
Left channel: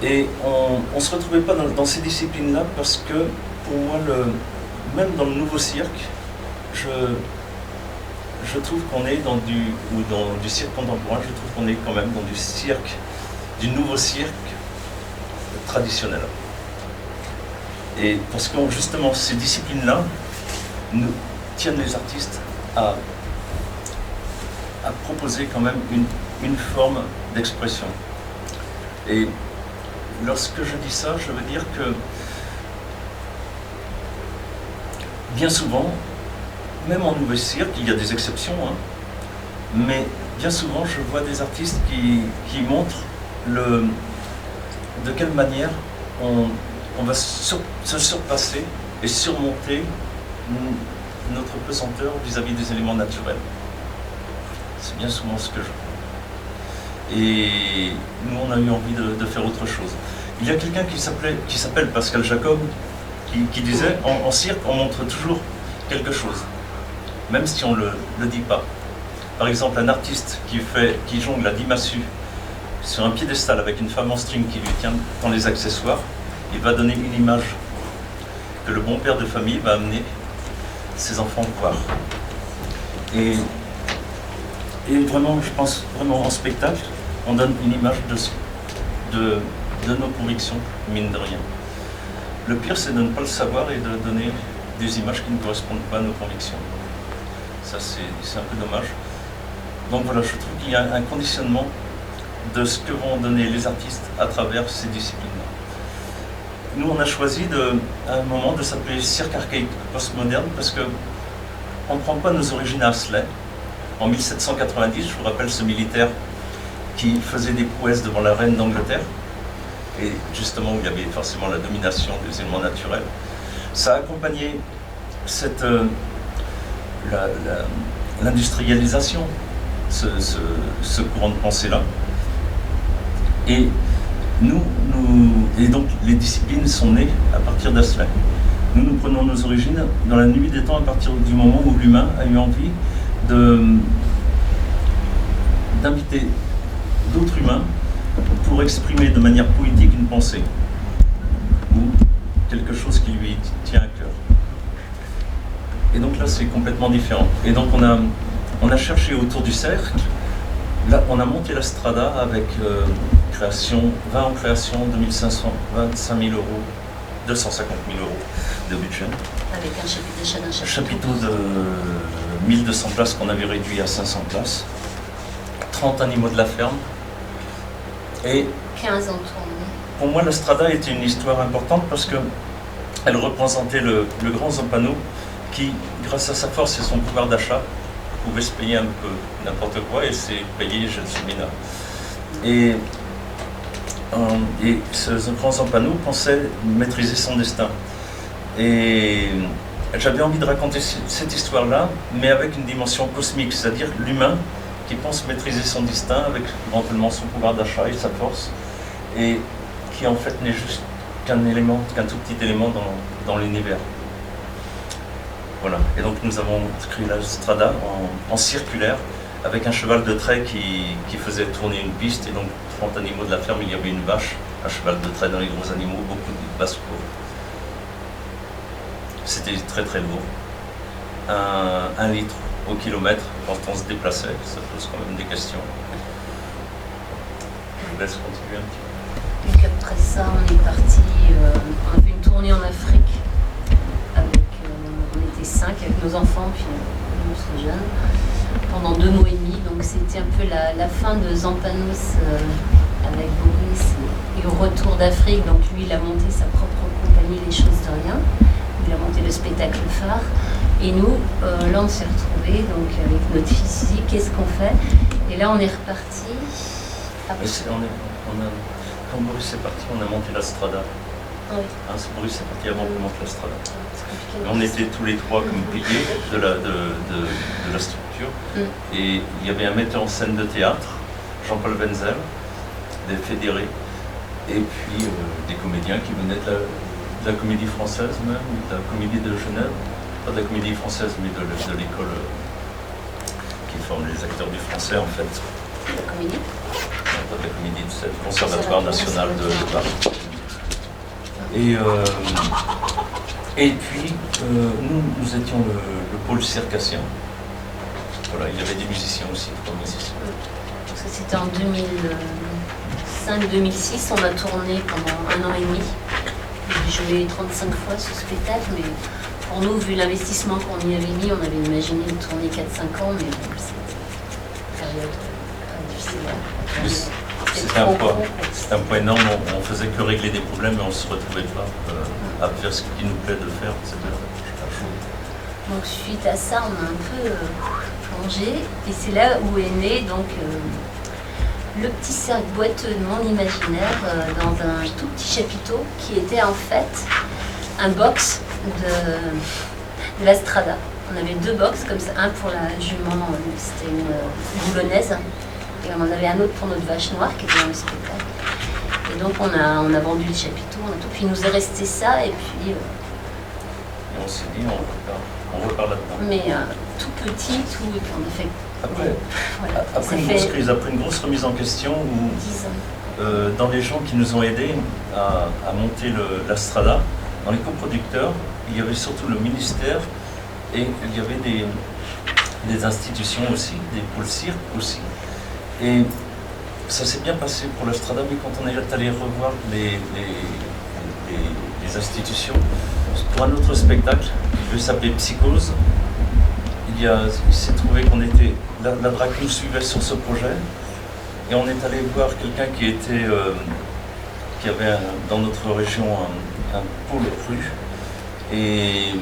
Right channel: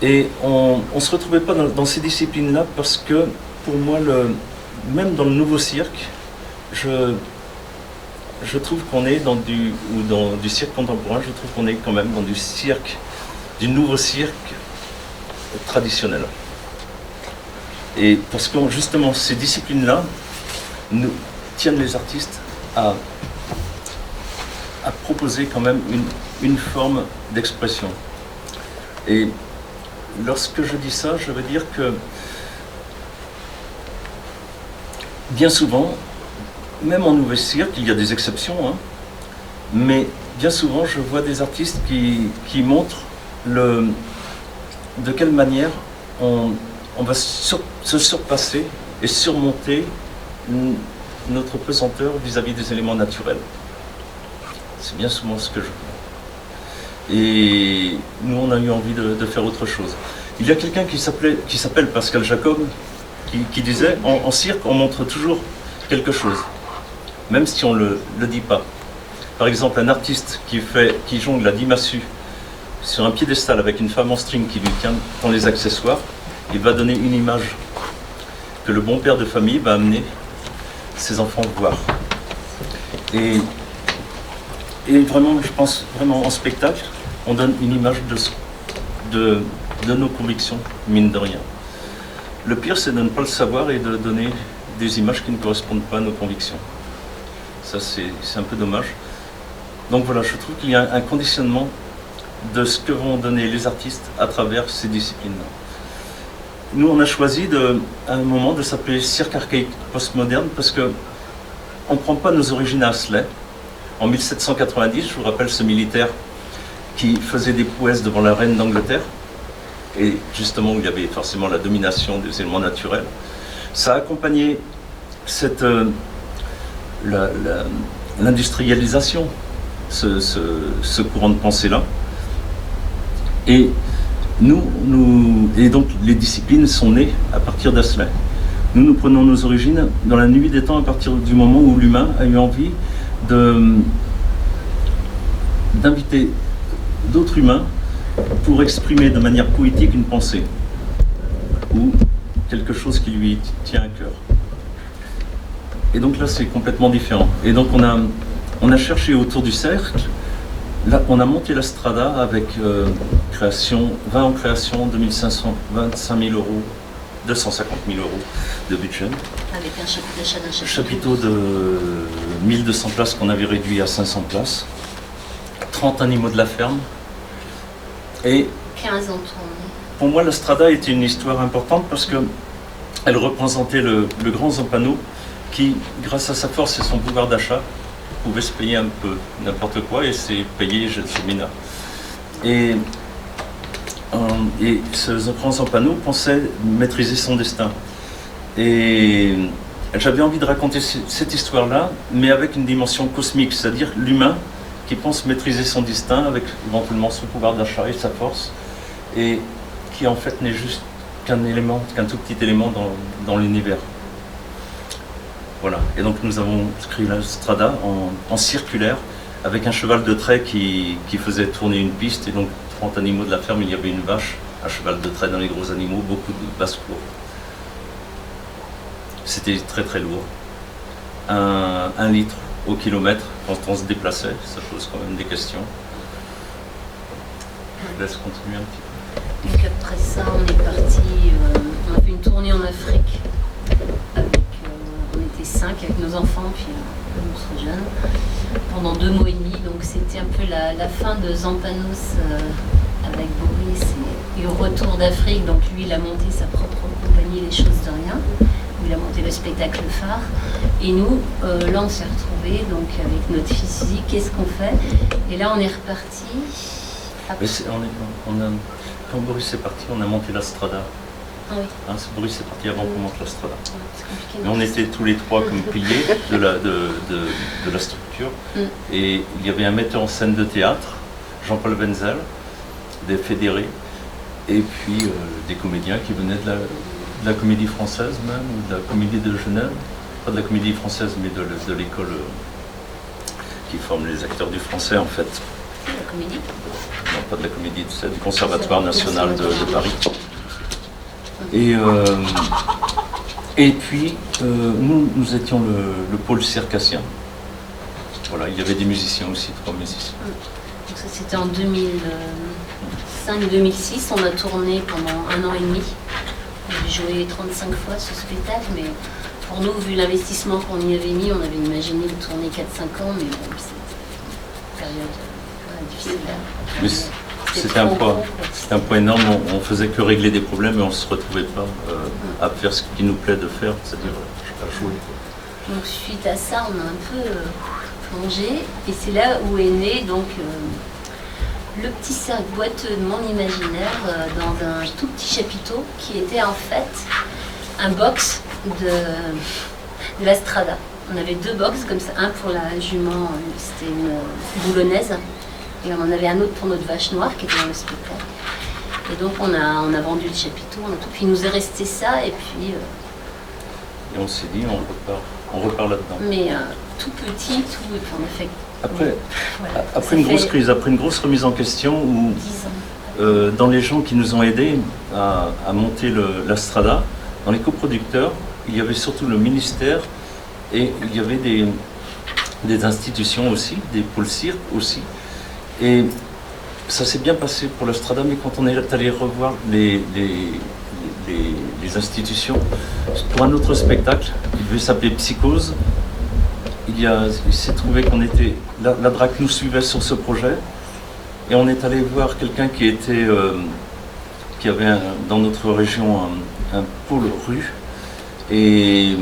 Et on ne se retrouvait pas dans ces disciplines-là parce que, pour moi, même dans le nouveau cirque, je trouve qu'on est dans du cirque contemporain, je trouve qu'on est quand même dans du nouveau cirque traditionnel. Et parce que justement, ces disciplines-là nous tiennent les artistes à proposer quand même une forme d'expression. Et lorsque je dis ça, je veux dire que bien souvent, même en nouveau cirque, il y a des exceptions, hein, mais bien souvent je vois des artistes qui montrent de quelle manière on va se surpasser et surmonter notre pesanteur vis-à-vis des éléments naturels. C'est bien souvent ce que je vois. Et nous, on a eu envie de faire autre chose. Il y a quelqu'un qui s'appelle Pascal Jacob, qui disait en cirque, on montre toujours quelque chose, même si on ne le dit pas. Par exemple, un artiste qui jongle à 10 massues sur un piédestal avec une femme en string qui lui tient dans les accessoires, il va donner une image que le bon père de famille va amener ses enfants voir. Et vraiment, je pense vraiment en spectacle, on donne une image de nos convictions, mine de rien. Le pire, c'est de ne pas le savoir et de donner des images qui ne correspondent pas à nos convictions. Ça, c'est un peu dommage. Donc voilà, je trouve qu'il y a un conditionnement de ce que vont donner les artistes à travers ces disciplines-là. Nous, on a choisi à un moment de s'appeler cirque archaïque postmoderne parce qu'on ne prend pas nos origines à Asselet. En 1790, je vous rappelle ce militaire qui faisait des prouesses devant la reine d'Angleterre, et justement où il y avait forcément la domination des éléments naturels. Ça a accompagné l'industrialisation, ce courant de pensée-là. Et et donc les disciplines sont nées à partir d'Asselet. Nous prenons nos origines dans la nuit des temps à partir du moment où l'humain a eu envie d'inviter d'autres humains pour exprimer de manière poétique une pensée ou quelque chose qui lui tient à cœur. Et donc là, c'est complètement différent. Et donc on a cherché autour du cercle. Là, on a monté la Strada avec 20 en création, 2500 000 euros, 250 000 euros de budget. Avec un chapitre d'achat d'un Un chapiteau de 1200 places qu'on avait réduit à 500 places. 30 animaux de la ferme. Et 15 en tournée. pour moi, la Strada était une histoire importante parce qu'elle représentait le grand Zampano qui, grâce à sa force et son pouvoir d'achat, pouvait se payer un peu n'importe quoi et s'est payé Gelsomina. Et ce grand Zampano pensait maîtriser son destin. Et j'avais envie de raconter cette histoire-là, mais avec une dimension cosmique, c'est-à-dire l'humain qui pense maîtriser son destin avec éventuellement son pouvoir d'achat et sa force, et qui en fait n'est juste qu'un tout petit élément dans l'univers. Voilà, et donc nous avons créé la Strada en circulaire, avec un cheval de trait qui faisait tourner une piste, et donc 30 animaux de la ferme, il y avait une vache, un cheval de trait dans les gros animaux, beaucoup de basse-cour. C'était très très lourd. 1 litre au kilomètre quand on se déplaçait, ça pose quand même des questions. Je vous laisse continuer un petit peu. Donc après ça, on est parti, on a fait une tournée en Afrique. On était 5 avec nos enfants, puis notre jeune, pendant 2 mois et demi. Donc c'était un peu la fin de Zampanos avec Boris et au retour d'Afrique. Donc lui, il a monté sa propre compagnie, Les Choses de Rien. Il a monté le spectacle phare. Et nous, là, on s'est retrouvés donc, avec notre fils ici. Qu'est-ce qu'on fait? Et là, on est reparti. Quand Boris est parti, on a monté la Strada. Ah oui. Boris est parti avant qu'on monte la Strada. C'est compliqué. Mais on était tous les trois comme piliers de la structure. Et il y avait un metteur en scène de théâtre, Jean-Paul Wenzel, des fédérés, et puis des comédiens qui venaient de la comédie française même, ou de la comédie de Genève. Pas de la comédie française, mais de l'école qui forme les acteurs du français en fait. La comédie? Non, pas de la comédie, c'est du Conservatoire national de Paris. Et puis, nous étions le pôle circassien. Voilà, il y avait des musiciens aussi, 3 musiciens. Donc ça, c'était en 2005-2006. On a tourné pendant 1 an et demi. J'ai joué 35 fois ce spectacle, mais pour nous, vu l'investissement qu'on y avait mis, on avait imaginé de tourner 4-5 ans, mais bon, c'est une période difficile. C'était un point énorme, on faisait que régler des problèmes et on ne se retrouvait pas à faire ce qui nous plaît de faire, c'est-à-dire à jouer. Donc suite à ça, on a un peu plongé, et c'est là où est né donc le petit cercle boiteux de mon imaginaire dans un tout petit chapiteau qui était en fait un box de la Strada. On avait 2 box comme ça, un pour la jument, c'était une boulonnaise, et on en avait un autre pour notre vache noire qui était dans le spectacle. Et donc on a vendu le chapiteau, puis il nous est resté ça, et puis... Et on s'est dit, on repart là-dedans. Mais tout petit, et puis on a fait... Après une grosse crise, après une grosse remise en question, où 10 ans. Dans les gens qui nous ont aidés à monter la Strada, dans les coproducteurs, il y avait surtout le ministère et il y avait des institutions aussi, des pôles cirque aussi. Et ça s'est bien passé pour la Strada, mais quand on est allé revoir les institutions, pour un autre spectacle, qui devait s'appeler Psychose, il s'est trouvé qu'on était, la DRAC nous suivait sur ce projet, et on est allé voir quelqu'un qui avait dans notre région un pôle rue, et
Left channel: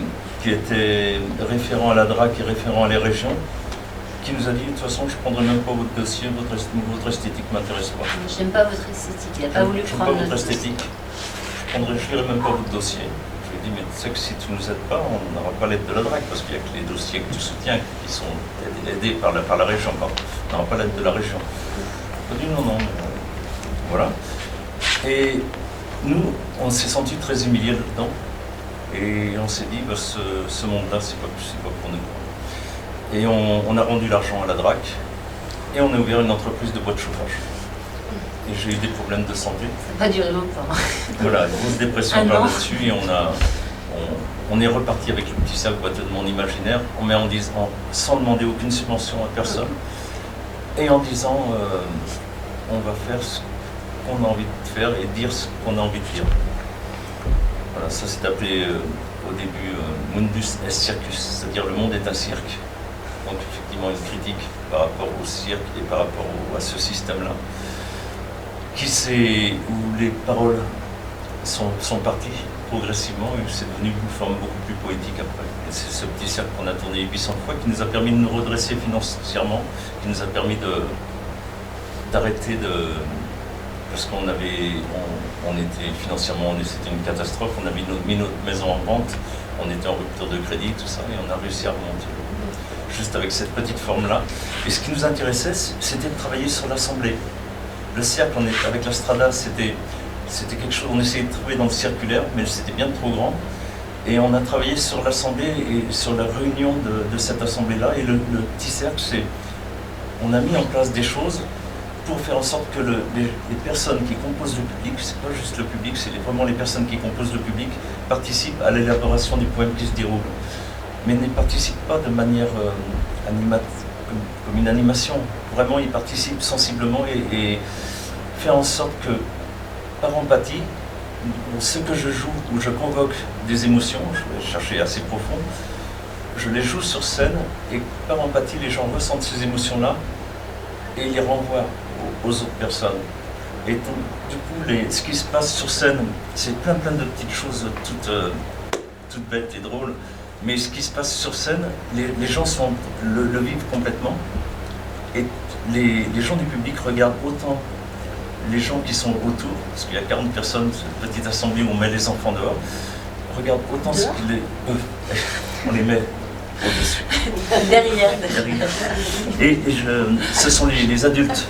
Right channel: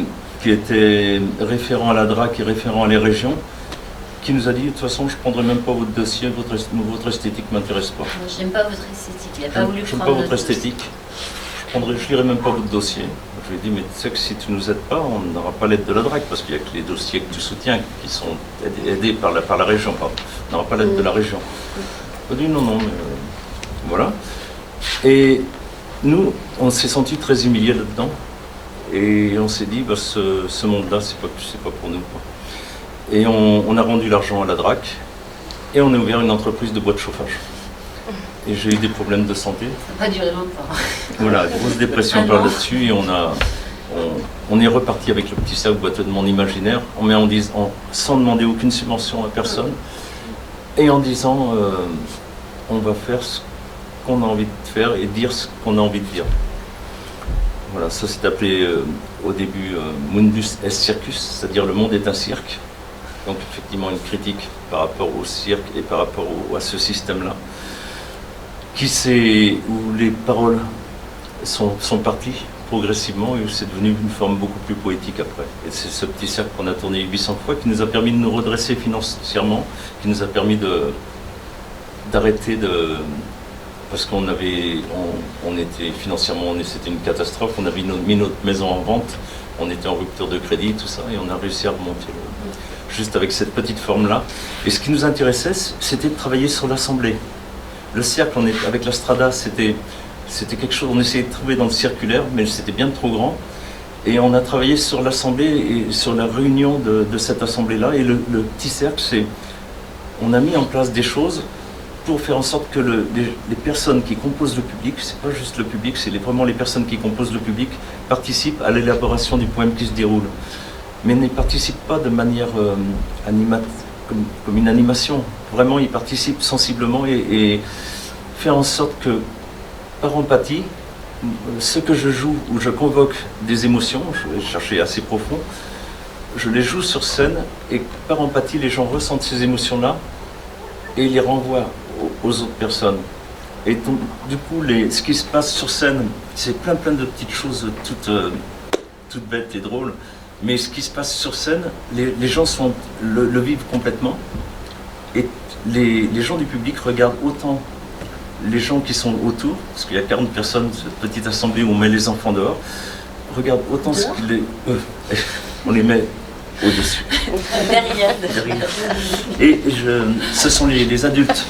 qui était référent à la DRAC et référent à les régions, qui nous a dit, de toute façon, je ne prendrai même pas votre dossier, votre esthétique ne m'intéresse pas. Moi, je n'aime pas votre esthétique. Il n'a pas voulu Je n'aime prendre pas votre notre esthétique, je ne lirai même pas votre dossier. Je lui ai dit, mais tu sais que si tu ne nous aides pas, on n'aura pas l'aide de la DRAC, parce qu'il n'y a que les dossiers que tu soutiens qui sont aidés par la région. Pardon. On n'aura pas l'aide de la région. Il a dit, non, mais voilà. Et nous, on s'est sentis très humiliés là-dedans. Et on s'est dit, bah, ce monde-là, c'est pas pour nous, quoi. Et on a rendu l'argent à la DRAC et on a ouvert une entreprise de bois de chauffage. Et j'ai eu des problèmes de santé. Ça n'a pas duré longtemps. Voilà, grosse dépression par là-dessus et on est reparti avec le petit sac boiteux de mon imaginaire, sans demander aucune subvention à personne et en disant on va faire ce qu'on a envie de faire et dire ce qu'on a envie de dire. Voilà, ça s'est appelé au début Mundus est Circus, c'est-à-dire le monde est un cirque. Donc effectivement une critique par rapport au cirque et par rapport à ce système-là, où les paroles sont parties progressivement et c'est devenu une forme beaucoup plus poétique après. Et c'est ce petit cercle qu'on a tourné 800 fois qui nous a permis de nous redresser financièrement, qui nous a permis d'arrêter parce qu'on était financièrement, c'était une catastrophe, on avait mis notre maison en vente, on était en rupture de crédit, tout ça, et on a réussi à remonter juste avec cette petite forme-là. Et ce qui nous intéressait, c'était de travailler sur l'assemblée. Le cercle, avec la Strada, c'était quelque chose, on essayait de trouver dans le circulaire, mais c'était bien trop grand. Et on a travaillé sur l'assemblée et sur la réunion de cette assemblée-là. Et le petit cercle, on a mis en place des choses pour faire en sorte que les personnes qui composent le public, c'est pas juste le public, c'est vraiment les personnes qui composent le public, participent à l'élaboration du poème qui se déroule. Mais ne participent pas de manière comme une animation. Vraiment, ils participent sensiblement et faire en sorte que, par empathie, ce que je joue, où je convoque des émotions, je vais chercher assez profond, je les joue sur scène et par empathie, les gens ressentent ces émotions-là et les renvoient aux autres personnes. Et donc, du coup, ce qui se passe sur scène, c'est plein de petites choses toutes bêtes et drôles. Mais ce qui se passe sur scène, les gens le vivent complètement. Et les gens du public regardent autant les gens qui sont autour, parce qu'il y a 40 personnes, cette petite assemblée où on met les enfants dehors, regardent autant ce qu'ils on les met au-dessus. Derrière. Et ce sont les adultes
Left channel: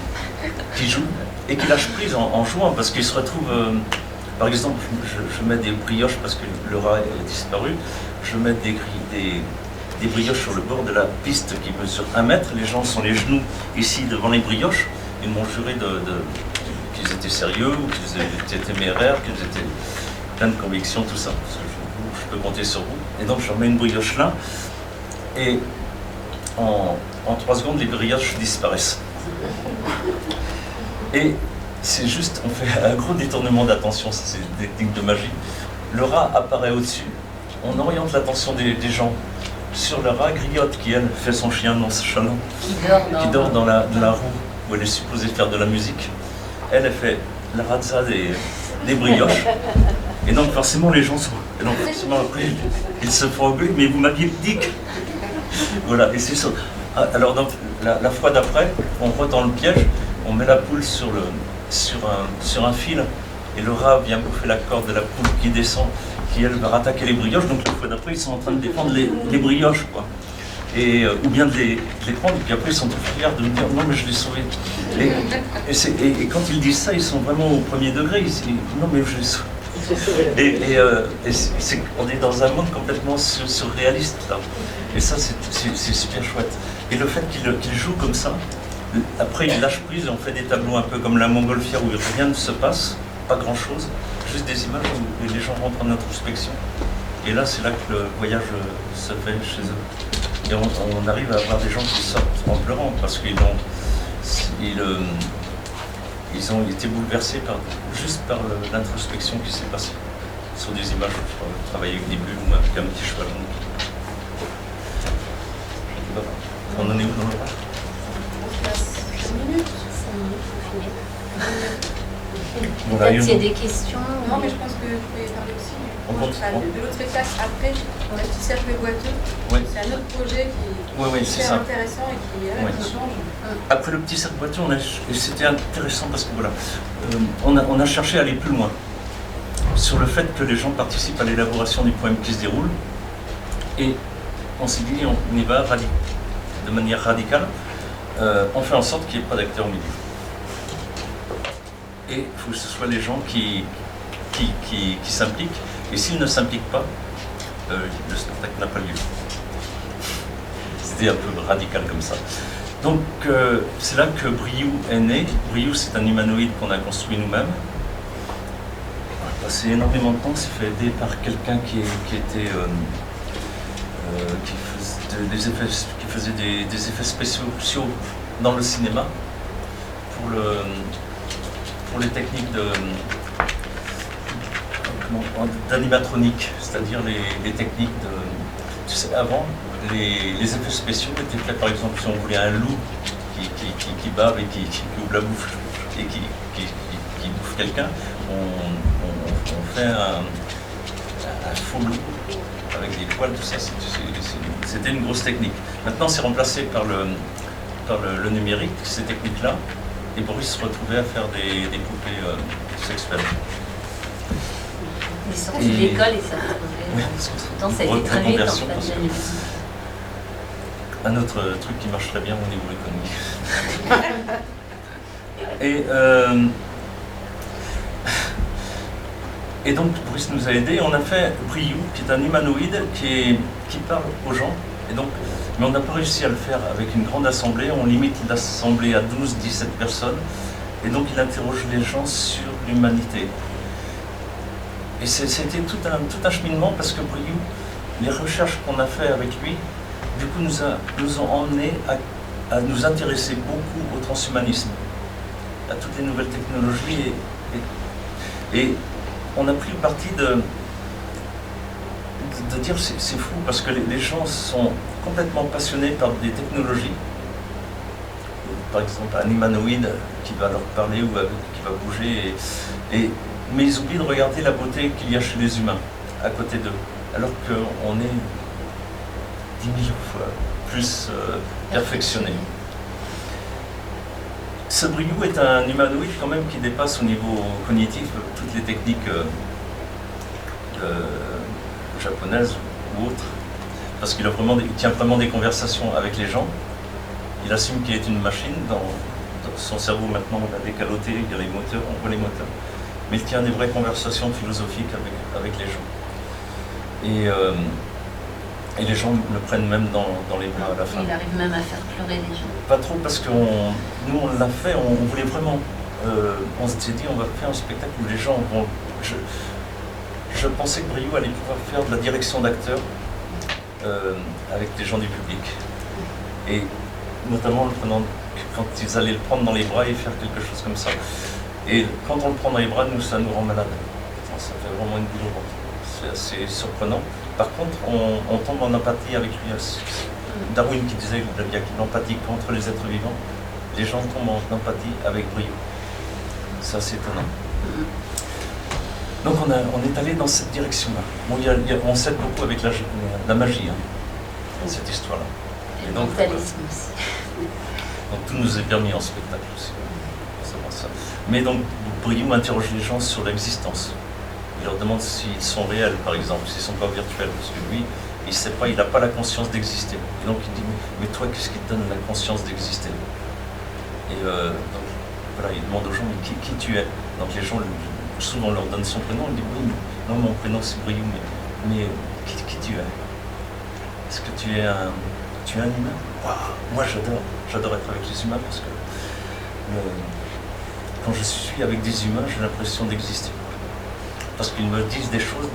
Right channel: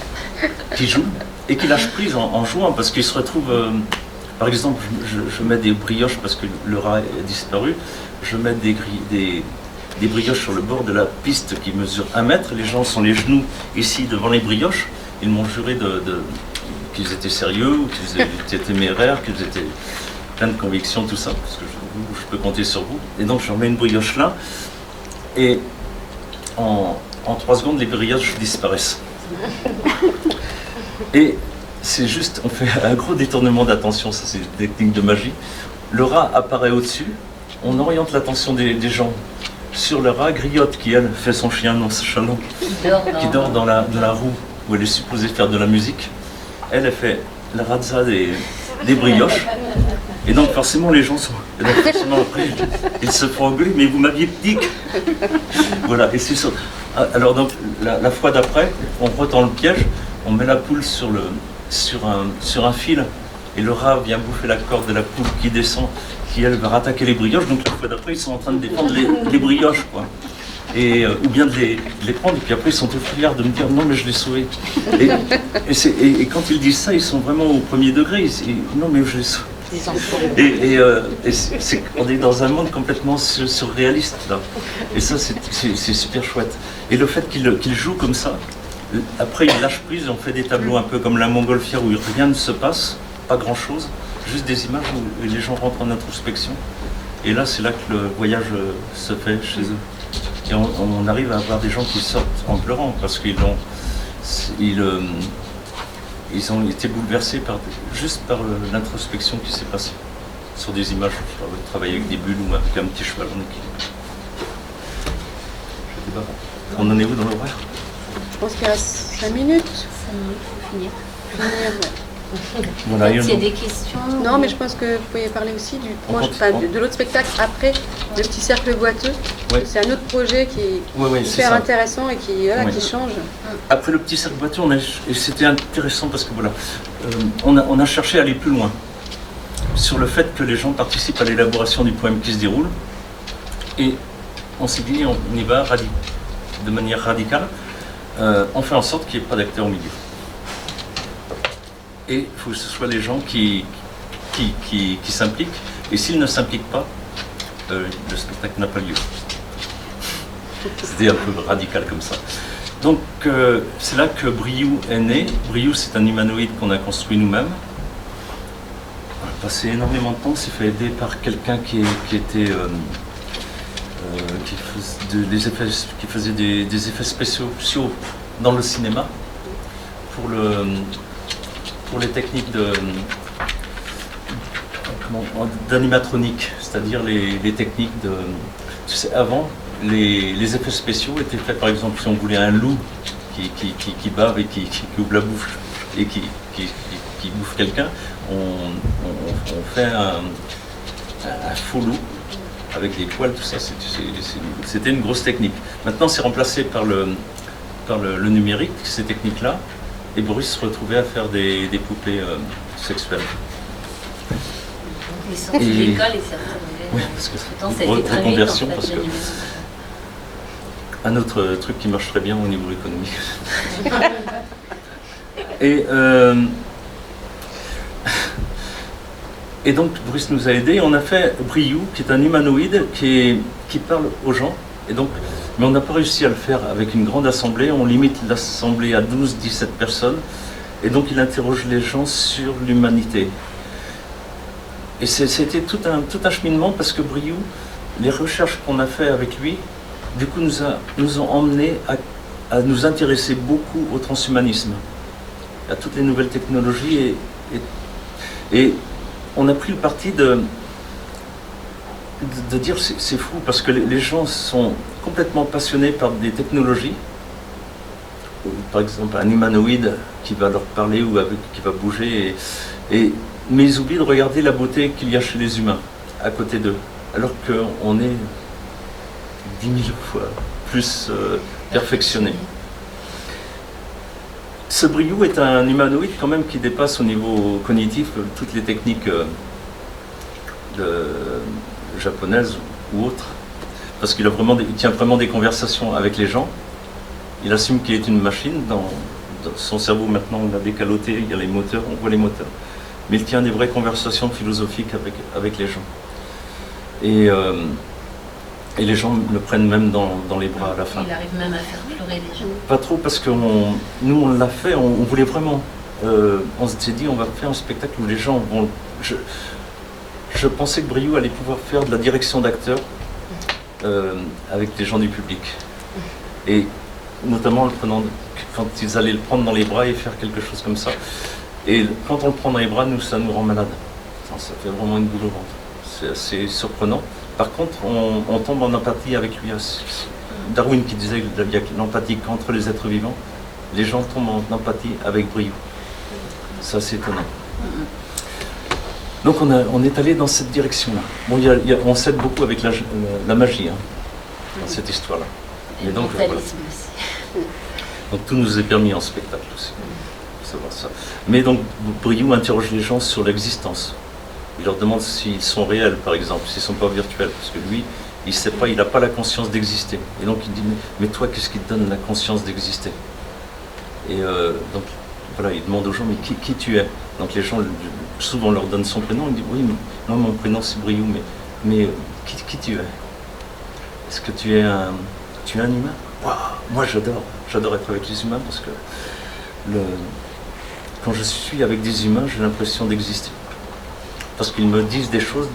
qui jouent et qui lâchent prise en jouant, parce qu'ils se retrouvent... par exemple, je mets des brioches, parce que le rat est disparu, je mets des brioches sur le bord de la piste qui mesure 1 mètre. Les gens sont les genoux ici devant les brioches. Ils m'ont juré qu'ils étaient sérieux, ou qu'ils étaient téméraires, qu'ils étaient pleins de convictions, tout ça, parce que je peux compter sur vous. Et donc je remets une brioche là, et en 3 secondes, les brioches disparaissent. Et c'est juste, on fait un gros détournement d'attention, ça c'est une technique de magie. Le rat apparaît au-dessus, on oriente l'attention des gens sur le rat, Griotte qui elle fait son chien nonchalant, qui dort dans la roue où elle est supposée faire de la musique. Elle fait la razza des brioches. Et donc forcément les gens sont... Et donc forcément après ils se font engueuler, mais vous m'aviez dit que... Voilà, et c'est ça. Alors donc la fois d'après, on retend le piège, on met la poule sur un fil, et le rat vient bouffer la corde de la poule qui descend, qui elle va rattaquer les brioches. Donc la fois d'après, ils sont en train de défendre les brioches, quoi. Et, ou bien de les prendre, et puis après ils sont tout fiers de me dire non mais je l'ai sauvé. Et quand ils disent ça, ils sont vraiment au premier degré, ils disent non mais je l'ai sauvé. On est dans un monde complètement surréaliste là. Et ça c'est super chouette. Et le fait qu'ils jouent comme ça, après ils lâchent prise, on fait des tableaux un peu comme la montgolfière où rien ne se passe, pas grand chose, juste des images où les gens rentrent en introspection. Et là c'est là que le voyage se fait chez eux. Et on arrive à avoir des gens qui sortent en pleurant parce qu'ils ont été bouleversés juste par l'introspection qui s'est passée sur des images. Je travaille avec des bulles ou avec un petit cheval en équilibre. Je ne sais On en est où dans l'horaire? Je pense qu'il y a 5 minutes. 5 minutes pour finir. Voilà, Peut-être s'il y a des questions. Non, mais je pense que vous pourriez parler aussi du On proche, continue. enfin, de l'autre spectacle après, le petit cercle boiteux. Oui. C'est un autre projet qui est Oui, c'est super ça. intéressant et qui, voilà, Ouais. qui change. Après le petit cercle boiteux, et c'était intéressant parce que voilà, on a cherché à aller plus loin sur le fait que les gens participent à l'élaboration du poème qui se déroule. Et on s'est dit, on y va de manière radicale. On fait en sorte qu'il n'y ait pas d'acteurs au milieu. Et il faut que ce soit les gens qui s'impliquent. Et s'ils ne s'impliquent pas, le spectacle n'a pas lieu. C'était un peu radical comme ça. Donc c'est là que Briou est né. Briou, c'est un humanoïde qu'on a construit nous-mêmes. On a passé énormément de temps, s'est fait aider par quelqu'un qui faisait des effets spéciaux dans le cinéma pour les techniques d'animatronique, c'est-à-dire les techniques de... Tu sais, avant, les effets spéciaux étaient faits, par exemple, si on voulait un loup qui bave et qui ouvre la bouche et qui bouffe quelqu'un, on fait un faux loup avec des poils, tout ça, c'était une grosse technique. Maintenant, c'est remplacé par le numérique, ces techniques-là, et Boris se retrouvait à faire des poupées sexuelles. Il est sorti de l'école et ça. Oui, parce que c'est Pourtant, ça a une été très vite, en reconversion, fait, parce que l'animation. un autre truc qui marche très bien au niveau économique. Et donc Boris nous a aidés. On a fait Briou, qui est un humanoïde qui parle aux gens. Et donc, mais on n'a pas réussi à le faire avec une grande assemblée. On limite l'assemblée à 12-17 personnes. Et donc il interroge les gens sur l'humanité. Et c'était tout un cheminement parce que Briou, les recherches qu'on a fait avec lui, du coup nous ont emmenés à nous intéresser beaucoup au transhumanisme, à toutes les nouvelles technologies. Et on a pris le parti de dire c'est fou parce que les gens sont complètement passionnés par des technologies. Par exemple un humanoïde qui va leur parler ou qui va bouger, mais ils oublient de regarder la beauté qu'il y a chez les humains à côté d'eux, alors qu'on est 10 000 fois plus perfectionné. Ce Briou est un humanoïde quand même qui dépasse au niveau cognitif toutes les techniques japonaises ou autres, parce qu'il tient vraiment des conversations avec les gens. Il assume qu'il est une machine. Dans son cerveau maintenant, on a des calotés, il y a les moteurs, on voit les moteurs. Mais il tient des vraies conversations philosophiques avec les gens. Et les gens le prennent même dans les bras à la fin. Il arrive même à faire pleurer les gens. Pas trop, parce que nous on l'a fait, on voulait vraiment. On s'est dit, on va faire un spectacle où les gens vont... Je pensais que Briou allait pouvoir faire de la direction d'acteurs avec les gens du public. Et notamment quand ils allaient le prendre dans les bras et faire quelque chose comme ça. Et quand on le prend dans les bras, ça nous rend malade. Ça fait vraiment une boule au ventre. C'est assez surprenant. Par contre, on tombe en empathie avec lui. Darwin qui disait qu'il y a l'empathie qu'entre les êtres vivants. Les gens tombent en empathie avec Briou. Ça, c'est étonnant. Donc on est allé dans cette direction-là. Bon, on s'aide beaucoup avec la magie, hein, dans cette histoire-là. Et le donc, mentalisme voilà. aussi. Donc tout nous est permis en spectacle aussi. Faut savoir ça. Mais donc Briou interroge les gens sur l'existence. Il leur demande s'ils sont réels, par exemple, s'ils ne sont pas virtuels. Parce que lui, il ne sait pas, il n'a pas la conscience d'exister. Et donc il dit, mais toi, qu'est-ce qui te donne la conscience d'exister? Et donc voilà, il demande aux gens, mais qui tu es? Donc les gens, souvent on leur donne son prénom, il dit, oui, moi mon prénom c'est Briou, mais qui tu es? Est-ce que tu es un humain? Waouh, moi j'adore être avec les humains parce que quand je suis avec des humains, j'ai l'impression d'exister. Parce qu'ils me disent des choses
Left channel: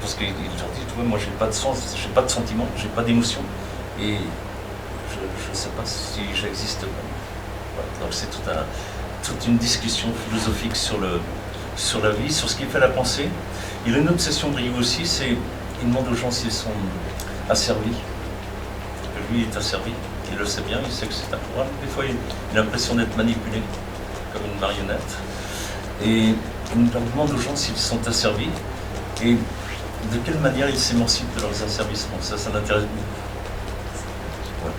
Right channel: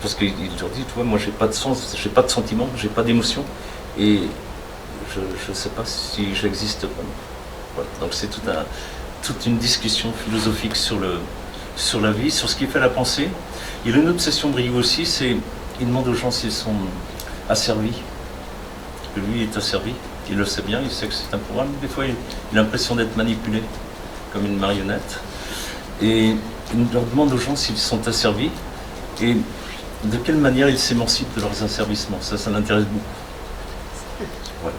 parce qu'ils leur disent, tu vois, moi j'ai pas de sens, j'ai pas de sentiment, j'ai pas d'émotion et je ne sais pas si j'existe. Voilà. Donc c'est toute une discussion philosophique sur sur la vie, sur ce qui fait la pensée. Il a une obsession Briou aussi, c'est il demande aux gens s'ils sont asservis, que lui est asservi. Il le sait bien, il sait que c'est un programme. Des fois, il a l'impression d'être manipulé comme une marionnette. Et il leur demande aux gens s'ils sont asservis et de quelle manière ils s'émancipent de leurs asservissements. Ça l'intéresse beaucoup. Ouais.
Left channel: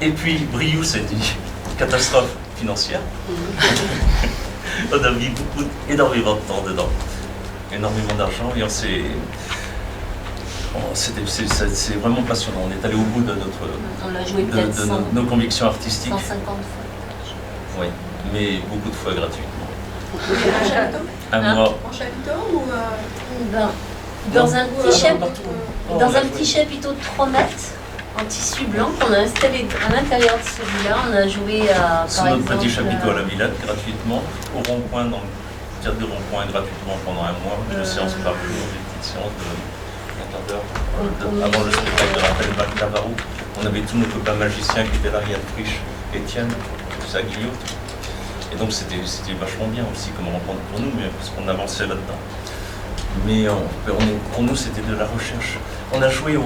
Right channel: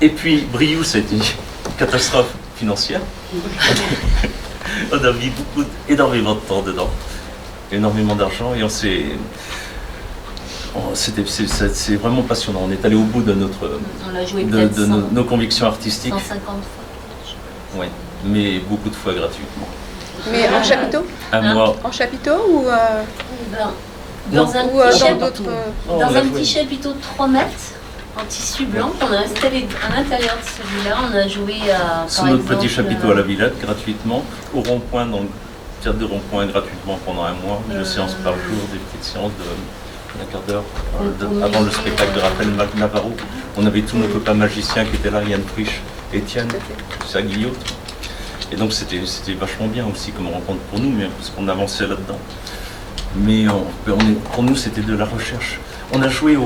Et puis, Briou, c'est une catastrophe financière. On a mis énormément de temps dedans, énormément d'argent, et c'est vraiment passionnant. On est allé au bout de On l'a joué peut-être nos convictions artistiques. 150 fois. Oui, mais beaucoup de fois gratuitement. Mais en chapiteau? Un mois. En chapiteau ou Dans un ou petit dans chapiteau. d'autres... Oh, Dans on a un joué. petit chapiteau de 3 mètres en tissu blanc qu'on a installé à l'intérieur de celui-là. On a joué Sous par notre exemple, petit chapiteau à la Villette, gratuitement, au rond-point, dans le théâtre de rond-point, gratuitement pendant un mois, une séance par jour, des petites séances d'un quart d'heure avant le spectacle de Raphaël Navarro. On avait tous nos copains magiciens qui étaient là, Yann Frisch, Étienne, Guillot. Et donc c'était vachement bien aussi comme rencontre pour nous, mais parce qu'on avançait là-dedans. Mais pour nous, c'était de la recherche. On a joué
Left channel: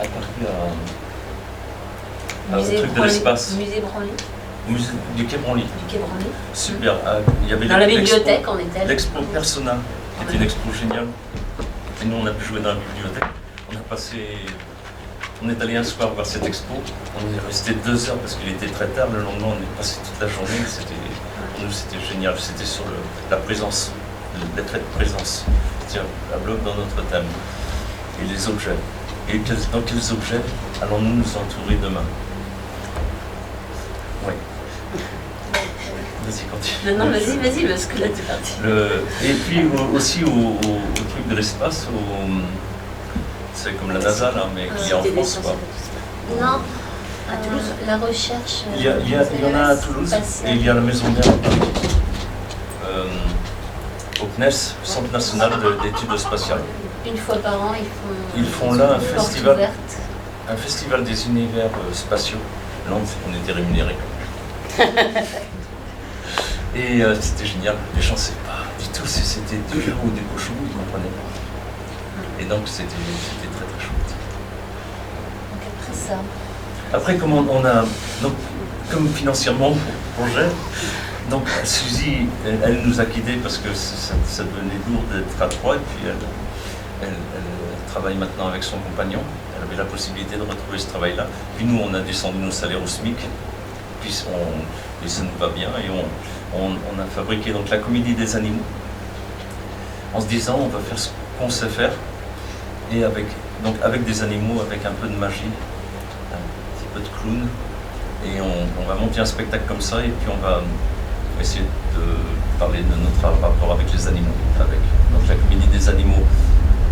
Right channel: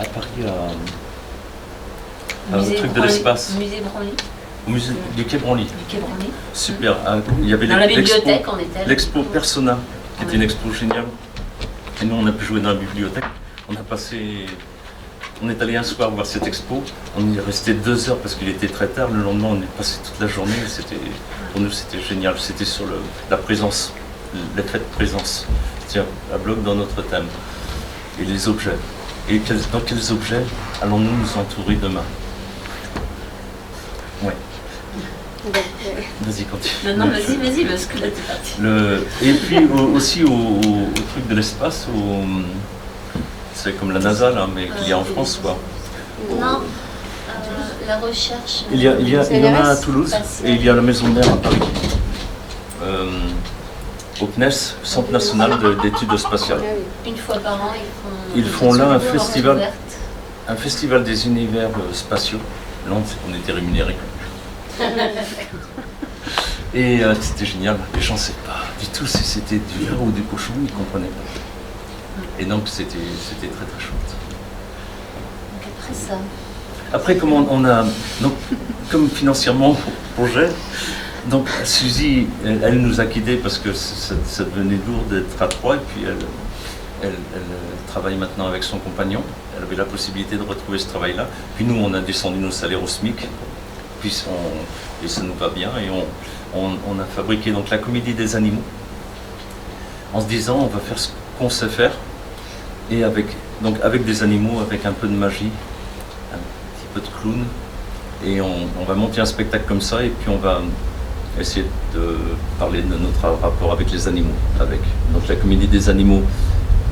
à Paris, au truc de l'espace, Musée Branly. au musée du Quai Branly. Du Quai Branly. Super. Il y avait Dans la bibliothèque, on était. l'expo Persona, qui était une expo géniale. Et nous, on a pu jouer dans la bibliothèque. On est allé un soir voir cette expo. On y est resté 2 heures parce qu'il était très tard. Le lendemain, on est passé toute la journée. Pour nous, c'était génial. C'était sur la présence, l'effet de présence. C'est-à-dire à bloc dans notre thème. Et les objets. Et dans quels objets allons-nous nous entourer demain? Oui. Vas-y, continue. Non, vas-y, parce que là, t'es parti. Et puis aussi au truc de l'espace, c'est comme la NASA là, mais qu'il y a en France quoi. Non, la recherche. Il y en a à Toulouse et il y a la Maison Mère à Paris. Au CNES, Centre National d'études spatiales. Une fois par an, Ils font là un porte festival. ouverte. Un festival des univers spatiaux. Là, on était rémunérés. Et c'était génial. Les gens ne savaient pas du tout si c'était du veau ou du cochon, ils ne comprenaient pas. Et donc, c'était très très chouette. Donc après ça. Après, comme financièrement pour le projet, donc Suzy, elle nous a quittés parce que ça devenait lourd d'être à 3, et puis elle travaille maintenant avec son compagnon. Elle avait la possibilité de retrouver ce travail-là. Puis nous, on a descendu nos salaires au SMIC, et ça nous va bien, et on a fabriqué donc la Comédie des Animaux, en se disant on va faire ce qu'on sait faire, et avec des animaux, avec un peu de magie, un petit peu de clown, et on va monter un spectacle comme ça, et puis on va essayer de parler de notre rapport avec les animaux. Donc la Comédie des Animaux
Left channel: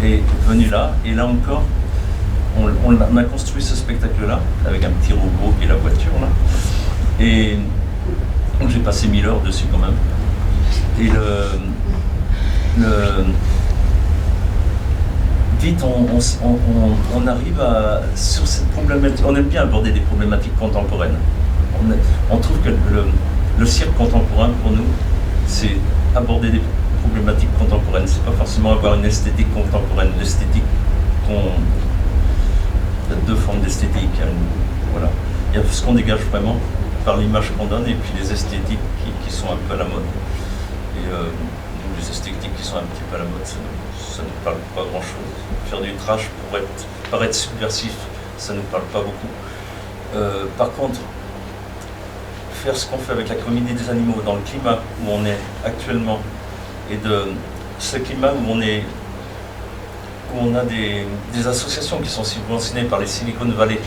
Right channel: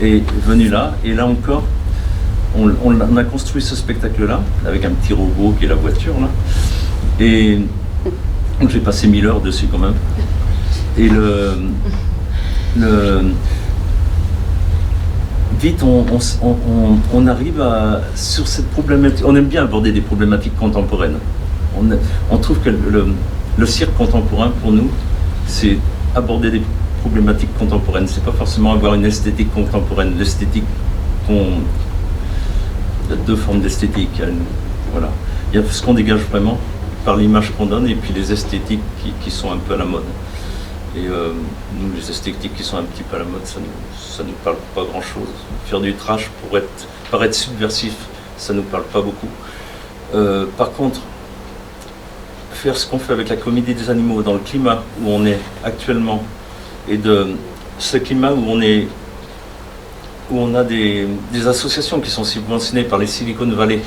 est venue là, et là encore, on a construit ce spectacle-là, avec un petit robot qui est la voiture, là, et donc j'ai passé 1000 heures dessus quand même. Et vite, on arrive sur cette problématique. On aime bien aborder des problématiques contemporaines. On trouve que le cirque contemporain, pour nous, c'est aborder des problématiques contemporaines. C'est pas forcément avoir une esthétique contemporaine. L'esthétique, il y a 2 formes d'esthétique. Voilà. Il y a ce qu'on dégage vraiment par l'image qu'on donne, et puis les esthétiques qui sont un peu à la mode. Et nous, les esthétiques qui sont un petit peu à la mode, ça ne nous parle pas grand-chose. Faire du trash pour paraître subversif, ça ne nous parle pas beaucoup. Par contre, faire ce qu'on fait avec la Comédie des Animaux dans le climat où on est actuellement, et de ce climat où on a des associations qui sont subventionnées par les Silicon Valley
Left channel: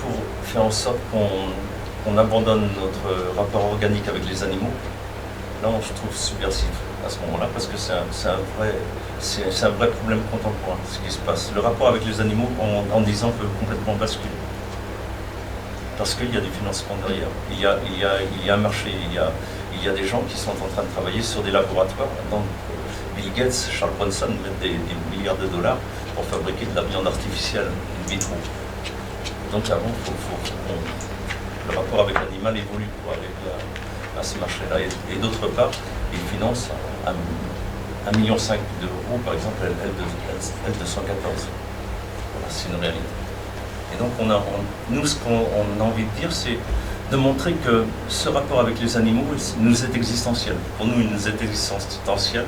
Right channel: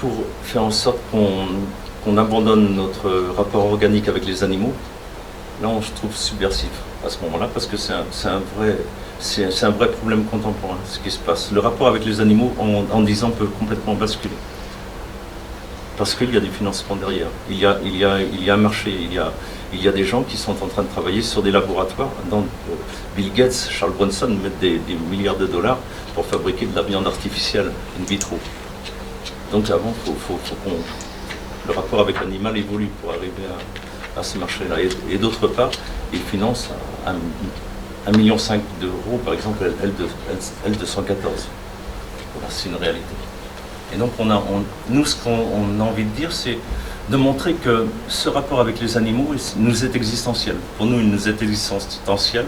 pour faire en sorte qu'on abandonne notre rapport organique avec les animaux. Là, on se trouve subversif à ce moment-là, parce que c'est un vrai problème contemporain, ce qui se passe. Le rapport avec les animaux, en 10 ans, peut complètement basculer. Parce qu'il y a du financement derrière. Il y a un marché, il y a des gens qui sont en train de travailler sur des laboratoires. Bill Gates, Charles Bronson mettent des milliards de dollars pour fabriquer de la viande artificielle, in vitro. Donc avant, il le rapport avec l'animal évolue pour arriver à ce marché-là. Et d'autre part, il finance à 1,5 million d'euros, par exemple, L214. Voilà, c'est une réalité. Et donc, nous, ce qu'on a envie de dire, c'est de montrer que ce rapport avec les animaux nous est existentiel. Pour nous, il nous est existentiel.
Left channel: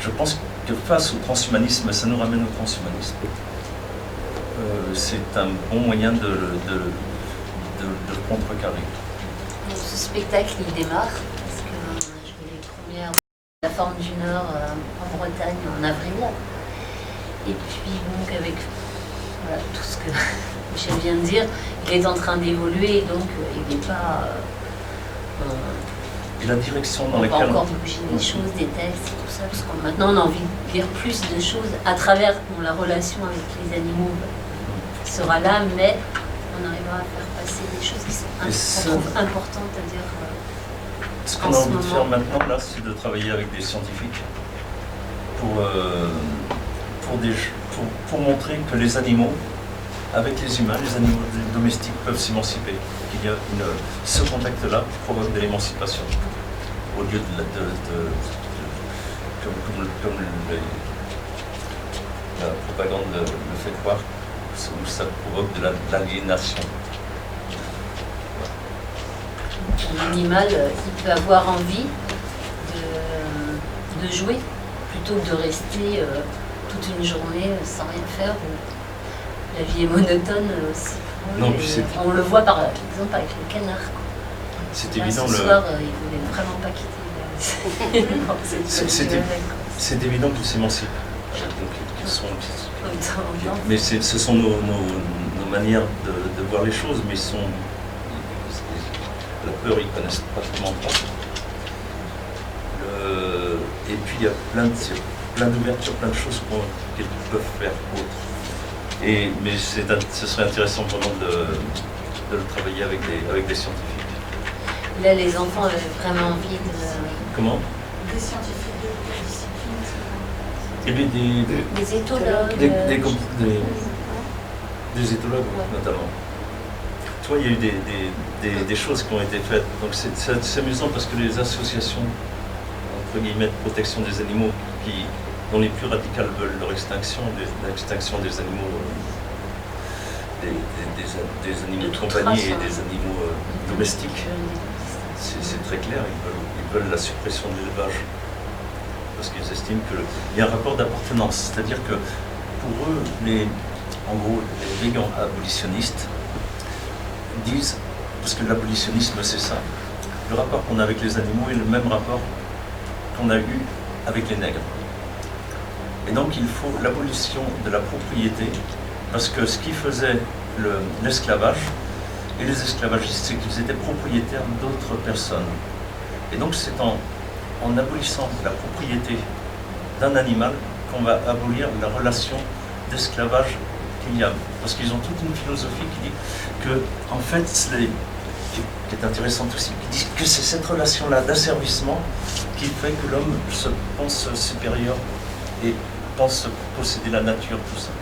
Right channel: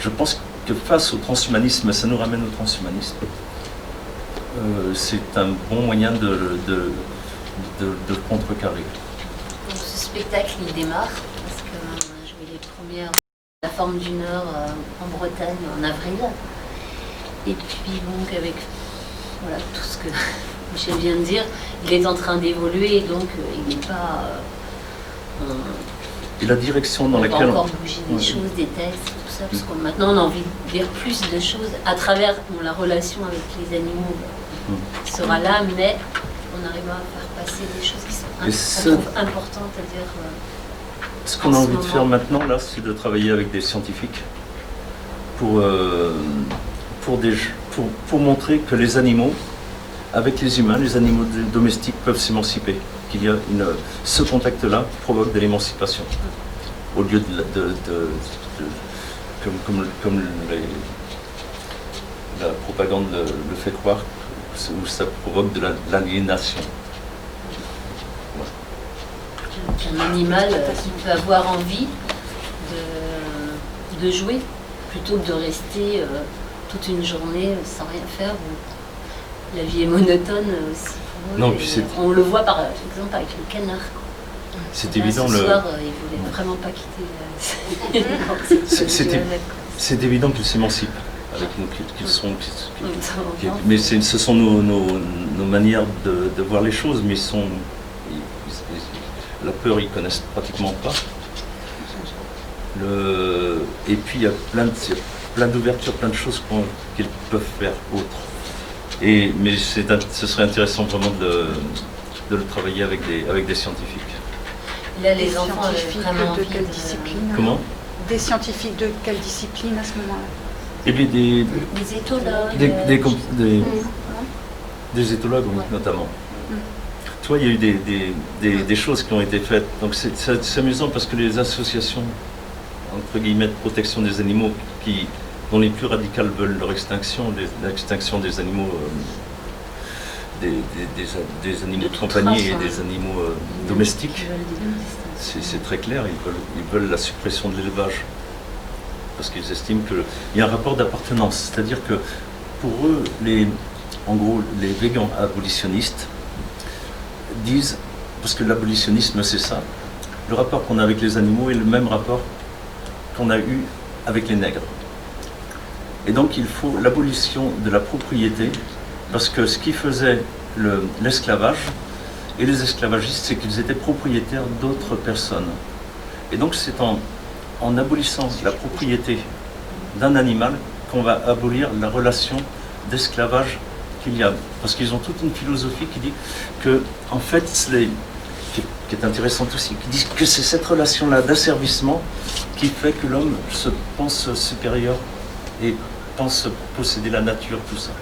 Je pense que face au transhumanisme, ça nous ramène au transhumanisme. C'est un bon moyen de le contrecarrer. Donc, ce spectacle, il démarre parce que on a joué les premières de la Forme du Nord en Bretagne en avril. Et puis donc avec voilà, tout ce que Michel vient de dire, il est en train d'évoluer, donc il n'est pas... Et la direction dans on laquelle... va encore bouger des choses, des textes, tout ça, parce que maintenant on a envie de dire plus de choses à travers la relation avec les animaux sera là, mais on arrivera à faire passer des choses qui sont importantes à dire. Ce qu'on a envie de faire maintenant, là, c'est de travailler avec des scientifiques pour montrer que les animaux, avec les humains, les animaux domestiques peuvent s'émanciper. Qu'il y a ce contact-là provoque de l'émancipation. Au lieu comme la propagande le fait croire, où ça provoque de l'aliénation. Un animal qui peut avoir envie de jouer plutôt que de rester toute une journée sans rien faire. La vie est monotone aussi. Non, on le voit par exemple avec le canard. C'est évident. Ce soir, il ne voulait vraiment pas quitter. C'est évident qu'ils s'émancipent. Mais ce sont nos manières de voir les choses, mais la peur, ils ne connaissent pratiquement pas. Et puis, il y a plein d'ouvertures, plein de choses qu'ils peuvent faire autres. Mais ce serait intéressant vraiment de le travailler avec des scientifiques. Là, les enfants avaient vraiment envie de... Comment? Des scientifiques de quelle discipline à ce moment-là? Eh bien, des éthologues. Des éthologues, oui, notamment. Toi, il y a eu des choses qui ont été faites. Donc c'est amusant parce que les associations, entre guillemets, de protection des animaux, dont les plus radicales veulent leur extinction, l'extinction des animaux, des animaux de compagnie et des animaux domestiques, c'est très clair, ils veulent la suppression de l'élevage. Parce qu'ils estiment qu'il y a un rapport d'appartenance. C'est-à-dire que pour eux, en gros, les végans abolitionnistes disent, parce que l'abolitionnisme c'est ça, le rapport qu'on a avec les animaux est le même rapport qu'on a eu avec les nègres. Et donc il faut l'abolition de la propriété, parce que ce qui faisait l'esclavage, et les esclavagistes, c'est qu'ils étaient propriétaires d'autres personnes. Et donc c'est en abolissant la propriété d'un animal qu'on va abolir la relation d'esclavage qu'il y a. Parce qu'ils ont toute une philosophie qui dit que, en fait, qui est intéressante aussi, qui dit que c'est cette relation-là d'asservissement qui fait que l'homme se pense supérieur et pense posséder la nature, tout ça.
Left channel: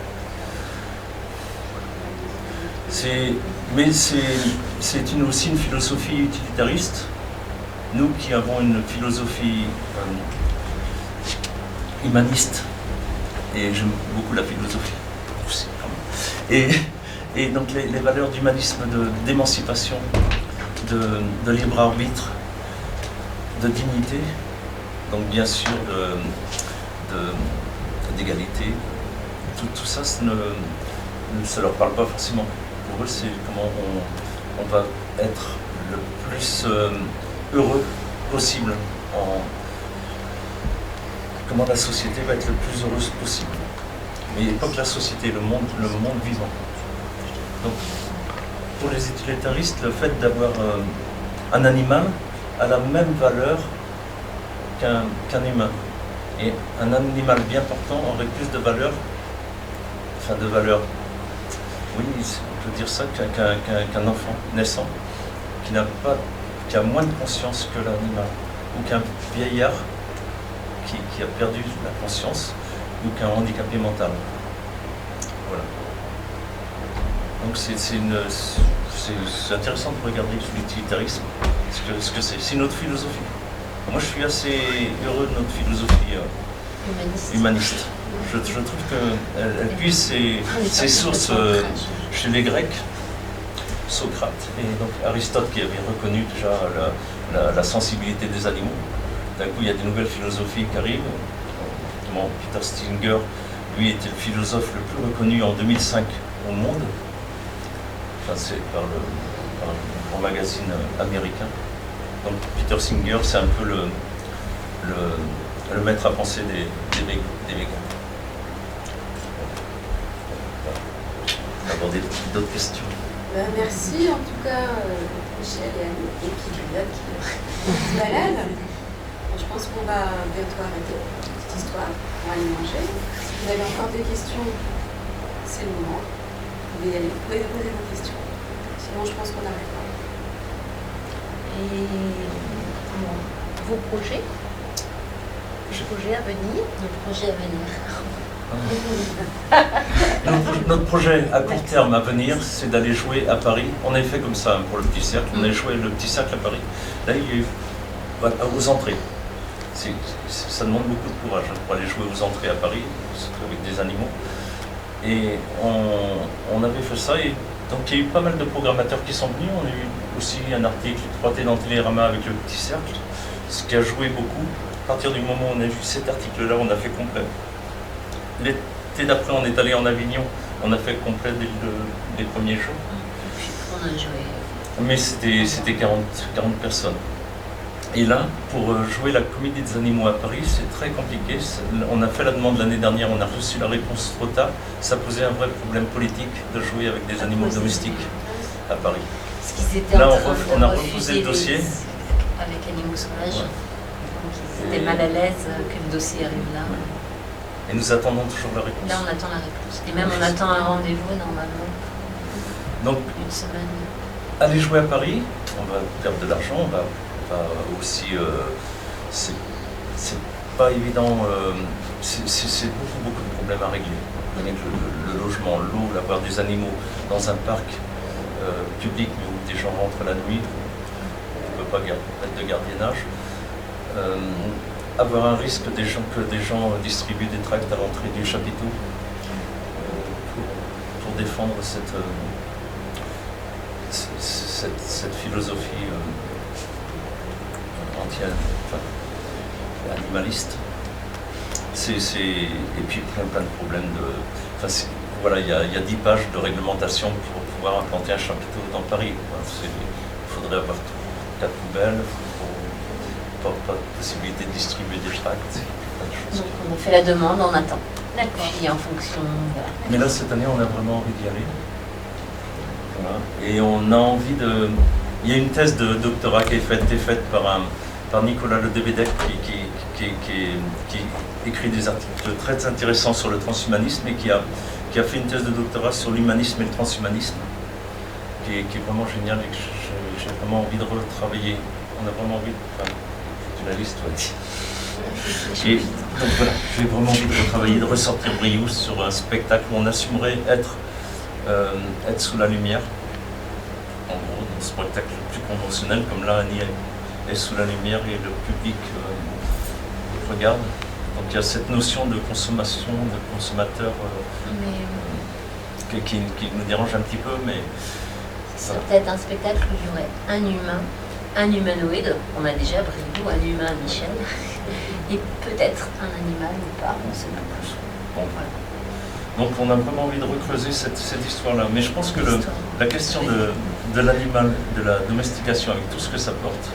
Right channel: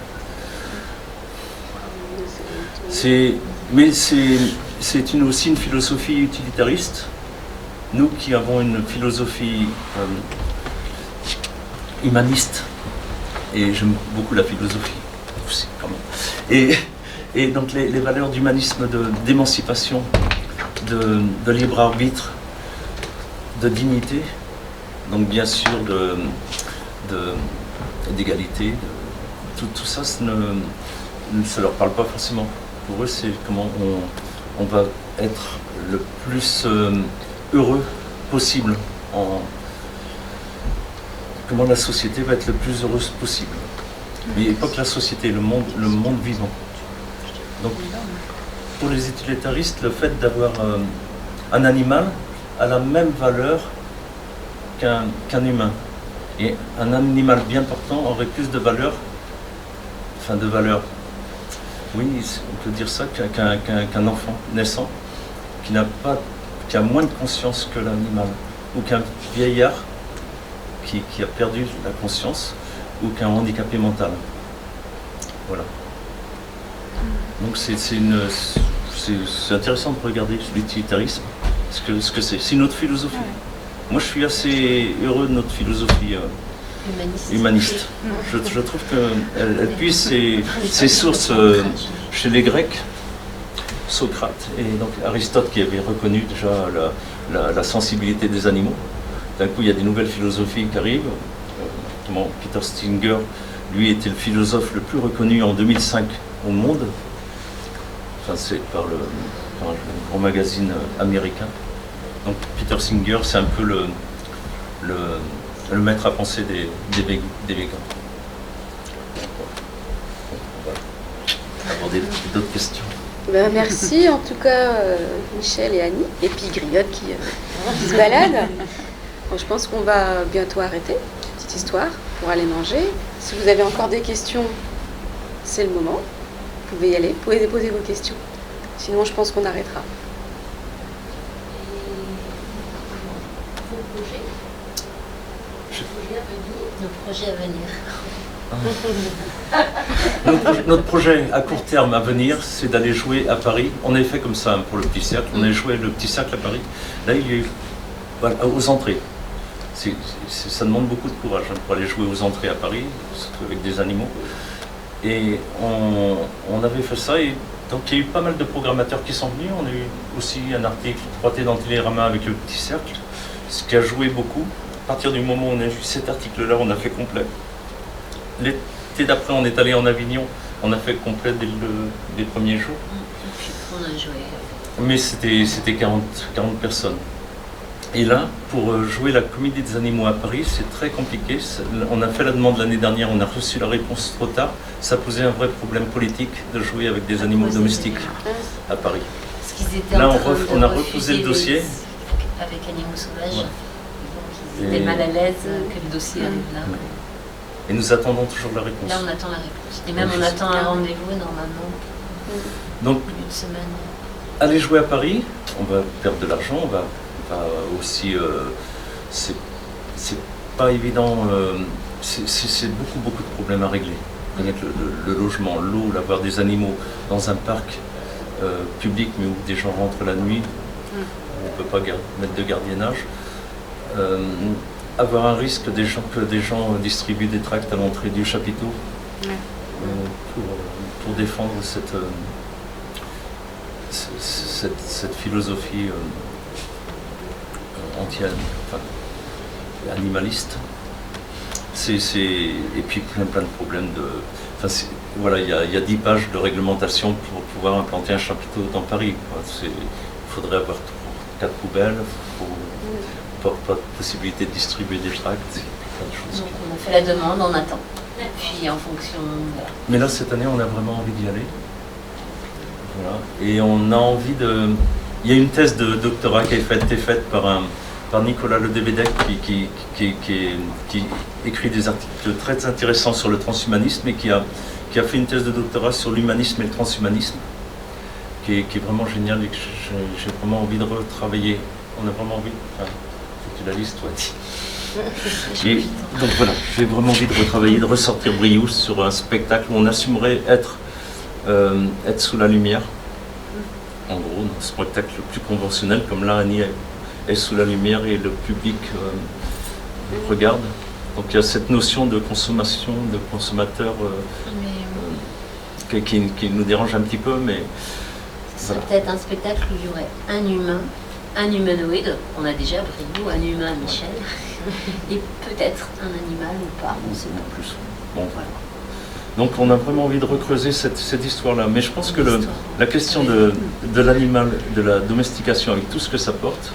Mais c'est aussi une philosophie utilitariste. Nous qui avons une philosophie humaniste, et j'aime beaucoup la philosophie aussi quand même, et donc les valeurs d'humanisme, d'émancipation, de libre arbitre, de dignité, donc bien sûr d'égalité, tout ça, ça ne leur parle pas forcément. Pour eux, c'est comment on va être le plus heureux possible, comment la société va être le plus heureuse possible. Mais pas que la société, le monde vivant. Donc, pour les utilitaristes, le fait d'avoir un animal a la même valeur qu'un humain. Et un animal bien portant aurait plus de valeur, oui, on peut dire ça, qu'un enfant naissant, qui a moins de conscience que l'animal, ou qu'un vieillard qui a perdu la conscience, ou qu'un handicapé mental. Voilà. Donc c'est intéressant de regarder l'utilitarisme, ce que c'est. C'est notre philosophie. Moi, je suis assez heureux de notre philosophie humaniste. Je trouve qu'elle puise ses sources chez les Grecs, Socrate, et donc Aristote qui avait reconnu déjà la sensibilité des animaux. D'un coup, il y a des nouvelles philosophies qui arrivent. Notamment Peter Singer, lui, était le philosophe le plus reconnu en 2005 au monde. Enfin, c'est par un grand magazine américain. Donc Peter Singer, c'est un peu le maître à penser des végans. On va aborder d'autres questions. Ben, merci en tout cas Michel et Annie, et puis Griotte qui se balade. Bon, je pense qu'on va bientôt arrêter, petite histoire, pour aller manger. Si vous avez encore des questions, c'est le moment. Vous pouvez y aller, vous pouvez poser vos questions. Sinon, je pense qu'on arrêtera. Et vos projets à venir. Nos projets à venir. Notre projet à court terme à venir, c'est d'aller jouer à Paris. On avait fait comme ça pour le Petit Cercle. On a joué le Petit Cercle à Paris. Là, il y a eu aux entrées. Ça demande beaucoup de courage pour aller jouer aux entrées à Paris, surtout avec des animaux. Et on avait fait ça. Et donc, il y a eu pas mal de programmateurs qui sont venus. On a eu aussi un article 3T dans Télérama avec le Petit Cercle, ce qui a joué beaucoup. À partir du moment où on a vu cet article-là, on a fait complet. L'été d'après, on est allé en Avignon, on a fait complet dès les premiers jours. On a joué. Mais c'était 40 personnes. Et là, pour jouer la Comédie des animaux à Paris, c'est très compliqué. On a fait la demande l'année dernière, on a reçu la réponse trop tard. Ça posait un vrai problème politique de jouer avec des animaux domestiques à Paris. Parce qu'ils étaient Là, en train on de a reposé le dossier. avec Animaux Sauvages. Ouais. Donc ils étaient mal à l'aise que le dossier arrive là. Ouais. Et nous attendons toujours la réponse. Là, on attend la réponse. Et même on attend un rendez-vous normalement Donc, une semaine. aller jouer à Paris, on va perdre de l'argent, on va aussi. C'est pas évident, c'est beaucoup de problèmes à régler. Avec le logement, l'eau, l'avoir des animaux dans un parc public, mais où des gens rentrent la nuit, on ne peut pas mettre de gardiennage. Avoir un risque que des gens distribuent des tracts à l'entrée du chapiteau pour défendre cette philosophie animaliste. Et puis plein de problèmes voilà, il y a 10 pages de réglementation pour pouvoir implanter un chapiteau dans Paris. Il faudrait avoir 4 poubelles, pas de possibilité de distribuer des tracts, plein de choses. Donc on a fait la demande, on attend. Et puis en fonction. Voilà. Mais là, cette année, on a vraiment envie d'y aller. Voilà. Et on a envie de. Il y a une thèse de doctorat qui a été faite par Nicolas Ledebedec qui écrit des articles très intéressants sur le transhumanisme et qui a fait une thèse de doctorat sur l'humanisme et le transhumanisme qui est vraiment génial et que j'ai vraiment envie de retravailler. On a vraiment envie. Enfin, tu la lises, toi. Et donc voilà, j'ai vraiment envie de retravailler, de ressortir Briouze sur un spectacle où on assumerait être sous la lumière. En gros, dans ce spectacle plus conventionnel, comme là, Annie est sous la lumière et le public regarde. Donc il y a cette notion de consommation, de consommateur qui nous dérange un petit peu, mais... C'est peut-être un spectacle où il y aurait un humain, un humanoïde, on a déjà Briouze, un humain, Michel, et peut-être un animal ou pas, on ne sait pas plus. Bon, voilà. Donc on a vraiment envie de recreuser cette histoire-là. Mais je pense que la question de l'animal, de la domestication, avec tout ce que ça porte,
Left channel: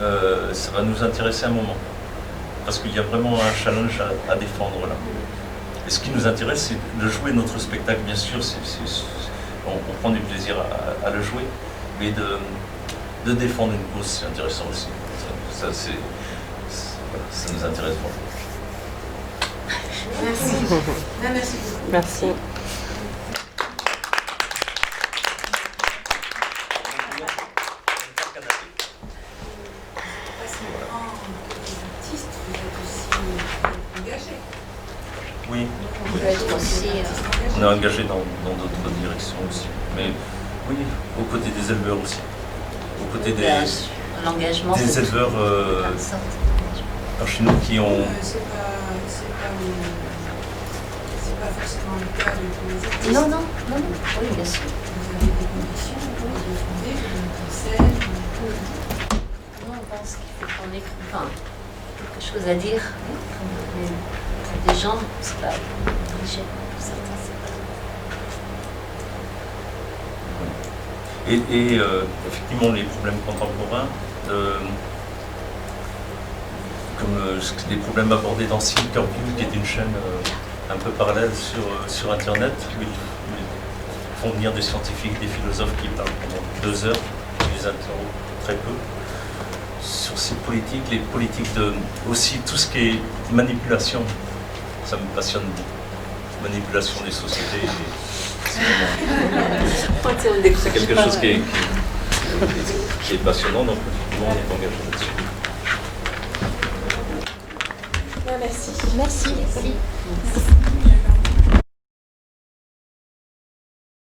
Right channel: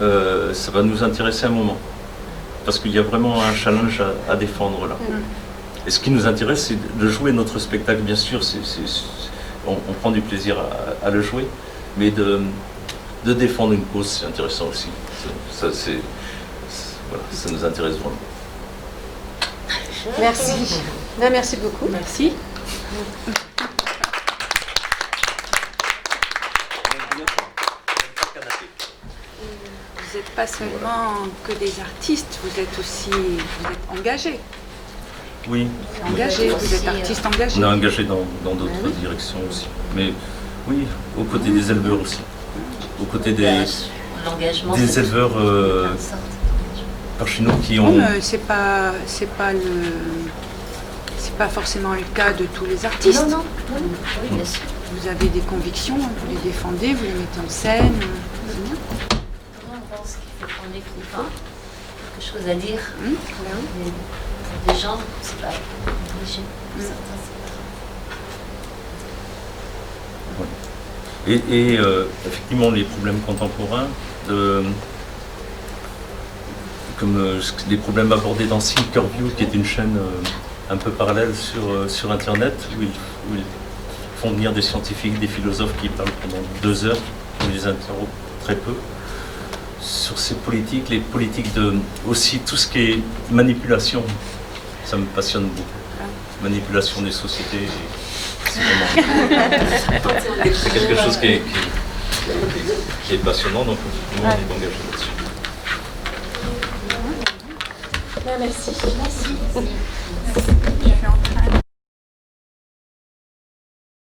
ça va nous intéresser un moment. Parce qu'il y a vraiment un challenge à défendre là. Et ce qui nous intéresse, c'est de jouer notre spectacle, bien sûr. On prend du plaisir à le jouer, mais de défendre une cause, c'est intéressant aussi. Voilà, ça nous intéresse vraiment. Merci. Merci beaucoup. Merci. Vous n'êtes pas seulement que des artistes, vous êtes aussi engagés. Oui, Engagés, vous êtes artistes engagés. on est engagé dans d'autres directions aussi. Mais Oui, aux côtés des éleveurs aussi. Aux côtés L'engagement, des c'est éleveurs plein de sortes d'engagement. par chez nous qui ont... C'est pas forcément le cas de tous les artistes. Non, oui, bien sûr. Vous avez des convictions, vous les défendez, vous les mettez en scène. Non, on pense qu'il faut qu'on ait quelque chose à dire. Quand même. Mais pour des gens, c'est pas obligé. Pour certains, c'est pas. Et effectivement, les problèmes contemporains, comme les problèmes abordés dans Silkerview, qui est une chaîne un peu parallèle sur Internet, où ils font venir des scientifiques, des philosophes qui parlent pendant 2 heures, on les interroge très peu, sur ces politiques, les politiques aussi tout ce qui est manipulation, ça me passionne beaucoup. Manipulation des sociétés, c'est quelque chose qui est passionnant, donc effectivement on est engagé là-dessus. Merci. Merci.